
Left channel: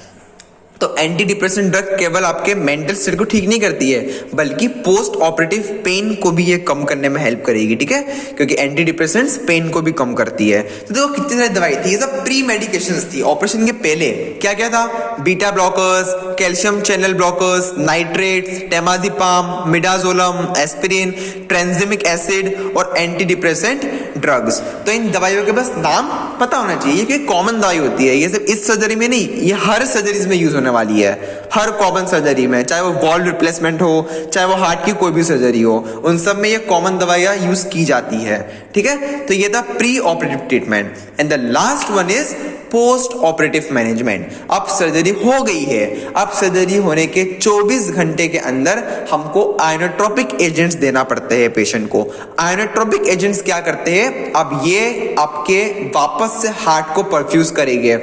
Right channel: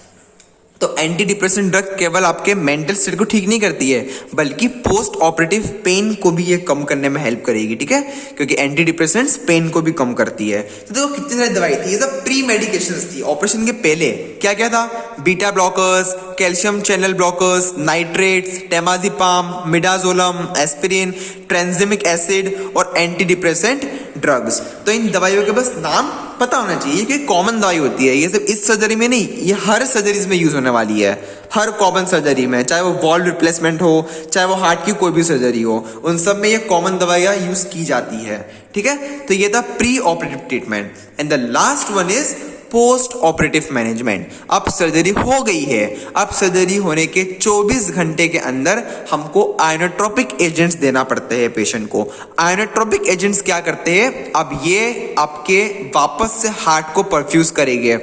तो एंटी डिप्रेशन ड्रग केवल आपके मेंटल स्टेट को ठीक नहीं करती है, बल्कि पोस्ट ऑपरेटिव पेन को भी ये कम करने में हेल्प करेगी, ठीक है, क्योंकि एंटी डिप्रेशंस पेन को भी कम करती है। तो देखो कितनी सारी दवाई थी, ये सब प्री मेडिकेशंस थी। ऑपरेशन के पहले क्या क्या था? Beta blockers, calcium channel blockers, nitrates, temazepam, midazolam, aspirin, tranexamic acid और एंटी डिप्रेसेंट ड्रग्स। तो इन दवाइयों के बस नाम पता होना चाहिए, ये कॉमन दवाई होती है। ये सिर्फ इस सर्जरी में नहीं, ये हर सर्जरीज में यूज होने वाली है, हर कॉमन सर्जरी में, चाहे वो वॉल्व रिप्लेसमेंट हो, चाहे वो हार्ट की कोई भी सर्जरी हो, उन सब में ये कॉमन दवाइयां यूज की जाती है, ठीक है। तो ये था pre operative treatment. And the last one is post operative management. अब सर्जरी हो गई है, अब सर्जरी होने के 24 घंटे के अंदर हमको आइनोट्रोपिक एजेंट्स देना पड़ते हैं पेशेंट को। आइनोट्रोपिक एजेंट्स क्या करते हैं? अब ये आपके वापस से हार्ट को परफ्यूज करेंगे।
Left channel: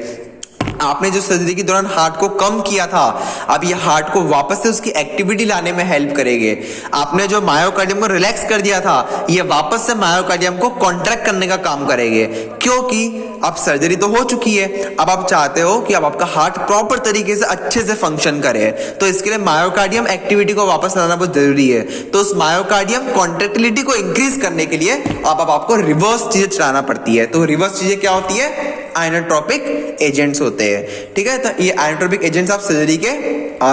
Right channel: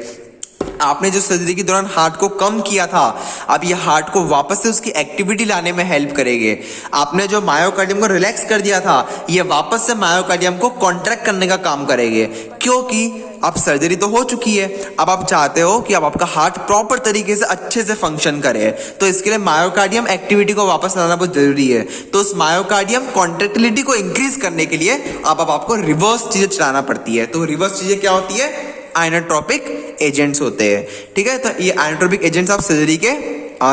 आपने जो सर्जरी के दौरान हार्ट को कम किया था, अब ये हार्ट को वापस से उसकी एक्टिविटी लाने में हेल्प करेंगे। आपने जो मायोकार्डियम को रिलैक्स कर दिया था, ये वापस से मायोकार्डियम को कॉन्ट्रैक्ट करने का काम करेंगे, क्योंकि अब सर्जरी तो हो चुकी है, अब आप चाहते हो कि अब आपका हार्ट प्रॉपर तरीके से अच्छे से फंक्शन करे। तो इसके लिए मायोकार्डियम एक्टिविटी को वापस लाना बहुत जरूरी है। तो उस मायोकार्डियम कॉन्ट्रैक्टिलिटी को इंक्रीज करने के लिए अब आपको रिवर्स चीजें चलाना पड़ती है। तो रिवर्स चीजें क्या होती है? आइनोट्रोपिक एजेंट्स होते हैं, ठीक है। तो ये आइनोट्रोपिक एजेंट्स आप सर्जरी के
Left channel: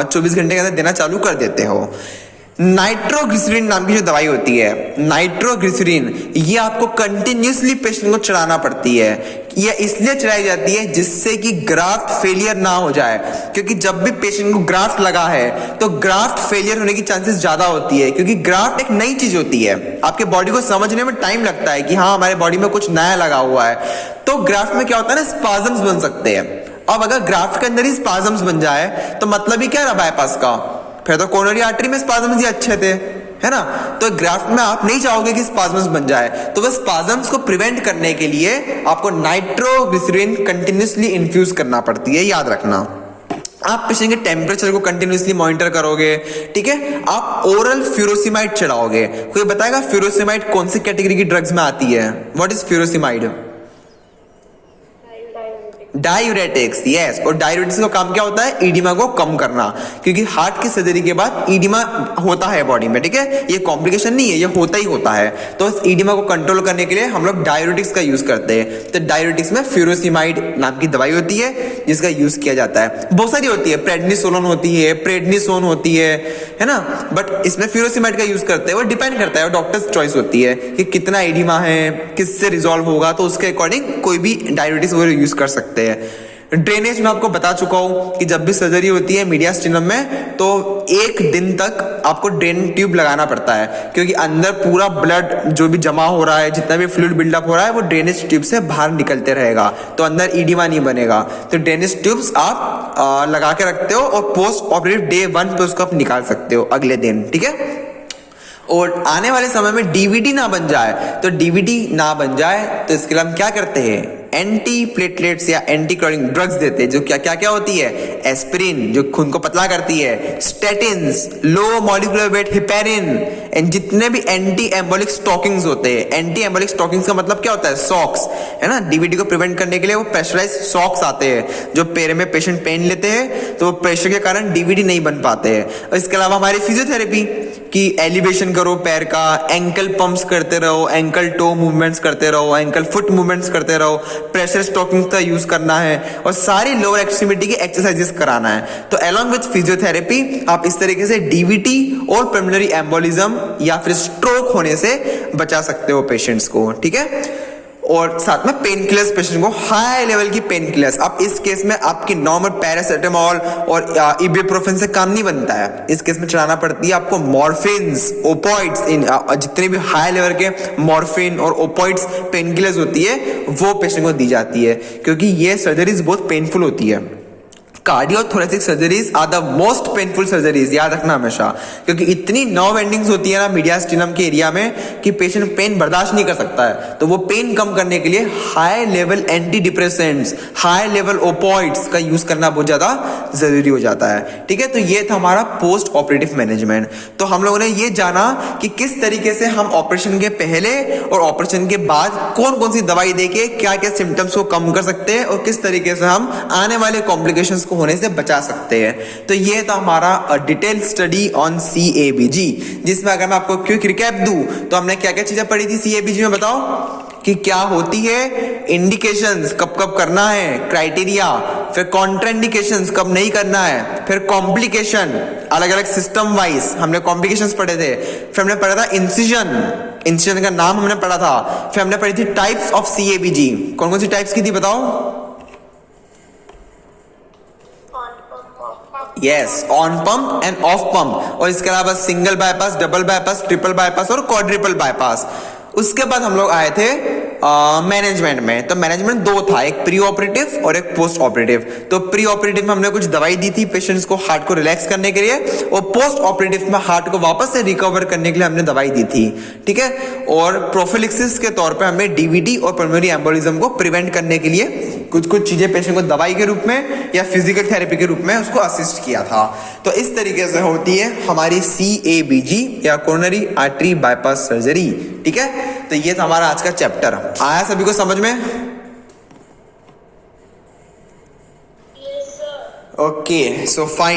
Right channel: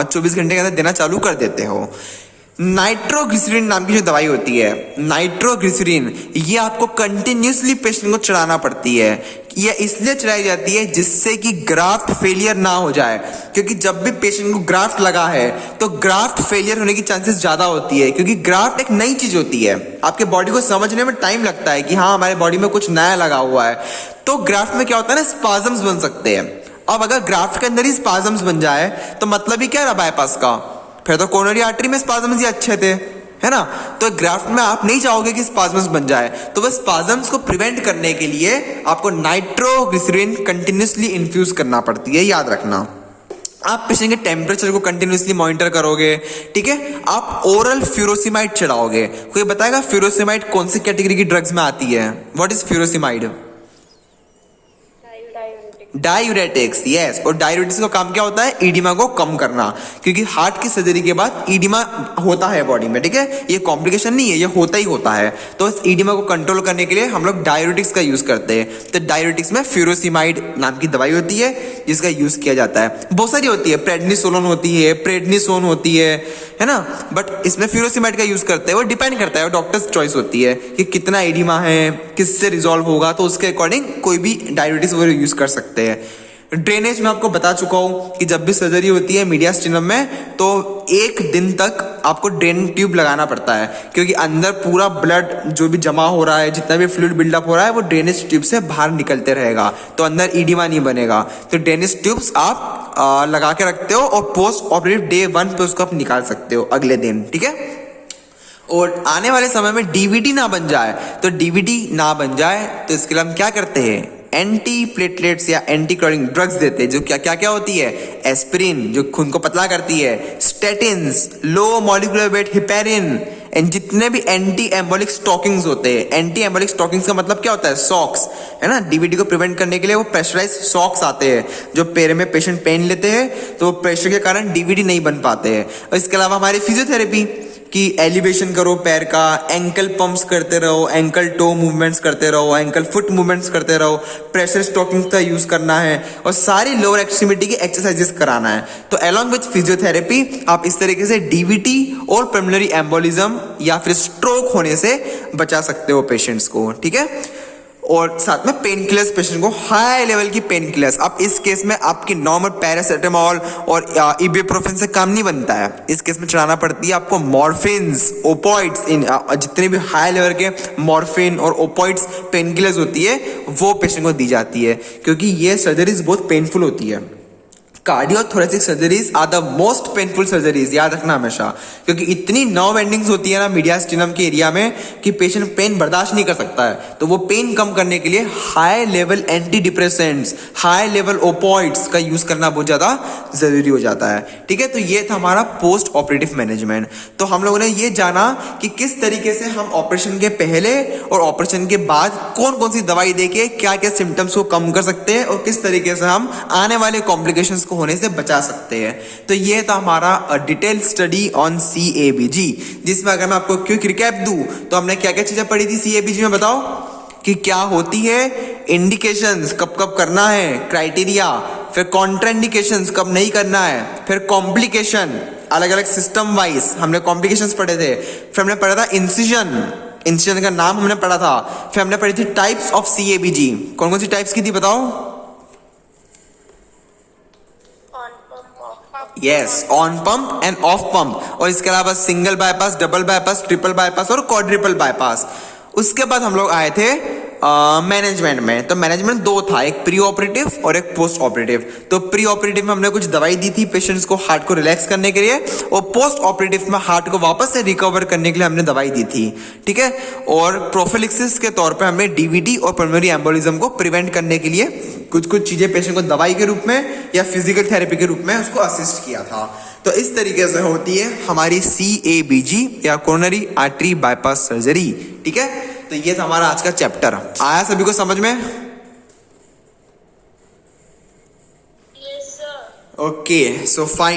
24 घंटे के अंदर देना चालू कर देते हो। नाइट्रोग्लिसरीन नाम की जो दवाई होती है, नाइट्रोग्लिसरीन, ये आपको कंटिन्यूसली पेशेंट को चढ़ाना पड़ती है। ये इसलिए चढ़ाई जाती है जिससे कि ग्राफ्ट फेलियर ना हो जाए, क्योंकि जब भी पेशेंट को ग्राफ्ट लगा है तो ग्राफ्ट फेलियर होने की चांसेस ज्यादा होती है, क्योंकि ग्राफ्ट एक नई चीज होती है, आपके बॉडी को समझने में टाइम लगता है कि हाँ हमारे बॉडी में कुछ नया लगा हुआ है। तो ग्राफ्ट में क्या होता है ना, स्पाजम्स बन सकते हैं। अब अगर ग्राफ्ट के अंदर ही स्पाजम्स बन जाए तो मतलब ही क्या रहा बाईपास का? फिर तो कोरोनरी आर्टरी में स्पाजम्स ही अच्छे थे, है ना। तो ग्राफ्ट में आप नहीं चाहोगे कि स्पाजम्स बन जाए, तो वो स्पाजम्स को प्रिवेंट करने के लिए आपको नाइट्रोग्लिसरीन कंटिन्यूसली इन्फ्यूज करना पड़ती है, याद रखना। आप पेशेंट के टेम्परेचर को कंटिन्यूसली मॉनिटर करोगे, ठीक है। आप ओरल फ्यूरोसिमाइड चढ़ाओगे। कोई बताएगा फ्यूरोसिमाइड कौन सी कैटेगरी की ड्रग्स में आती है? What is furosemide? Diuretics, yes. और डायूरेटिक्स का काम क्या होता है? ईडिमा को कम करना, क्योंकि हार्ट की सर्जरी के बाद ईडिमा होता है बॉडी में, ठीक है। ये कॉम्प्लिकेशन नहीं है, ये होता ही होता है। तो इस ईडिमा को कंट्रोल करने के लिए हम लोग डायूरेटिक्स का यूज करते हैं। तो डायूरेटिक्स में फ्यूरोसिमाइड नाम की दवाई होती है जिसका यूज किया जाता है। बहुत सारी होती है, प्रेडनिसोलोन होती है, प्रेडनिसोन होती है ना, बट इसमें फ्यूरोसिमाइड का यूज करते हैं। वो डिपेंड करता है, डॉक्टर्स चॉइस होती है कि कितना ईडिमा है, किससे रिजॉल्व होगा, तो उसके अकॉर्डिंग कोई भी डायूरेटिक्स वगैरह यूज कर सकते हैं। ड्रेनेज में आपको बता चुका हूं कि जब भी सर्जरी होती है मीडियास्टिनम में, तो 1 दिन तक आपको ड्रेन ट्यूब लगाना पड़ता है, क्योंकि अंदर पूरा ब्लड जो भी जमा हो रहा है, जितना भी फ्लूइड बिल्डअप हो रहा है, वो ड्रेनेज ट्यूब से बाहर निकलते रहेगा, तो अंदर ईडिमा नहीं बनेगा। तो ड्रेनेज ट्यूब्स आप लगा के रखते हो और पोस्ट ऑपरेटिव डे 1 पे उसको आप निकाल सकते हो अगले दिन, ठीक है। और आने वाले समय में डीवीडी ना बन जाए, तो डीवीडी ना बन जाए तो इसके लिए हम क्या करते हैं? एंटी प्लेटलेट्स या एंटी क्लॉटिंग ड्रग्स देते हैं, जो क्या क्या क्या होती है, एस्पिरिन जो खून को पतला करती है, statins, low molecular weight heparin, and जितने भी एंटी एम्बोलिक स्टॉकिंग्स होते हैं। एंटी एम्बोलिक स्टॉकिंग्स का मतलब क्या होता है, सॉक्स, है ना, डीवीडी को प्रिवेंट करने के लिए वो प्रेशराइज सॉक्स आते हैं, जो पैर में पेशेंट पेन लेते हैं तो प्रेशर के कारण डीवीडी नहीं बन पाते हैं। और इसके अलावा हमारी फिजियोथेरेपी कि एलिवेशन करो पैर का, एंकल पंप्स करते रहो, एंकल टो मूवमेंट्स करते रहो, एंकल फुट मूवमेंट्स करते रहो, प्रेशर स्टॉकिंग का यूज करना है और सारी लोअर एक्सट्रीमिटी की एक्सरसाइजेस कराना है। तो अलोंग विथ फिजियोथेरेपी आप इस तरीके से डीवीटी और पल्मोनरी एम्बोलिज्म या फिर स्ट्रोक होने से बचा सकते हो पेशेंट्स को, ठीक है। और साथ में पेन किलर्स, पेशेंट को हाई लेवल की पेन किलर्स, अब इस केस में आपकी नॉर्मल पैरासिटामोल और इबुप्रोफेन से काम नहीं बनता है, इस केस में चलाना पड़ती है आपको मॉर्फिन्स, ओपॉइड्स, जितने भी हाई लेवल के मॉर्फिन और ओपॉइड्स पेन किलर्स होती है वो पेशेंट को दी जाती है, क्योंकि ये सर्जरीज बहुत पेनफुल होती है। Cardiothoracic surgeries are the most painful surgeries, याद रखना हमेशा, क्योंकि इतनी नर्व एंडिंग्स होती है ना मीडियास्टिनम के एरिया में कि पेशेंट पेन बर्दाश्त नहीं कर सकता है। तो वो पेन कम करने के लिए high level anti depressants, high level opioids का यूज करना बहुत ज्यादा जरूरी हो जाता है, ठीक है। तो ये था हमारा पोस्ट ऑपरेटिव मैनेजमेंट। तो हम लोगों ने ये जाना कि किस तरीके से हम ऑपरेशन के पहले और ऑपरेशन के बाद कौन कौन सी दवाई देके क्या क्या सिम्टम्स को कम कर सकते हैं और किस तरीके से हम आने वाले कॉम्प्लिकेशंस को होने से बचा सकते हैं। तो ये था हमारा डिटेल स्टडी ऑन CABG, जिसमें अगर मैं आपको क्विक रिकैप दूं तो हमने क्या क्या चीजें पढ़ी थी CABG में, बताओ कि क्या होती है, इंडिकेशंस कब कब करना है, क्राइटेरिया, फिर कॉन्ट्राइंडिकेशंस कब नहीं करना है, फिर कॉम्प्लिकेशन अलग अलग सिस्टम वाइज हमने कॉम्प्लिकेशंस पढ़े थे, फिर हमने पढ़ा था इंसिजन का नाम हमने पढ़ा था, फिर हमने पढ़ी थी टाइप्स ऑफ CABG। कौन कौन सी टाइप्स की थी बताओ? Yes, on pump end of pump, और इसके अलावा single bypass, double bypass, triple bypass और क्वाड्रिपल बाईपास। उसके बाद हम लोग आए थे मैनेजमेंट में। तो मैनेजमेंट दो था, एक प्री ऑपरेटिव और एक पोस्ट ऑपरेटिव। तो प्री ऑपरेटिव में हमने कुछ दवाई दी थी पेशेंट्स को हार्ट को रिलैक्स करने के लिए, और पोस्ट ऑपरेटिव में हार्ट को वापस से रिकवर करने के लिए हमने दवाई दी थी, ठीक है। और प्रोफिलिक्सिस के तौर पे हमने डीवीडी और पल्मोनरी एम्बोलिज्म को प्रिवेंट करने के लिए कुछ चीजें पेशेंट को दवाई के रूप में या फिजिकल थेरेपी के रूप में उसको असिस्ट किया था। तो इस तरीके से होती है हमारी CABG या कोरोनरी आर्टरी बाईपास सर्जरी, ठीक है। तो ये था हमारा आज का चैप्टर। आया सभी को समझ में? Yes, sir. Okay, so fine.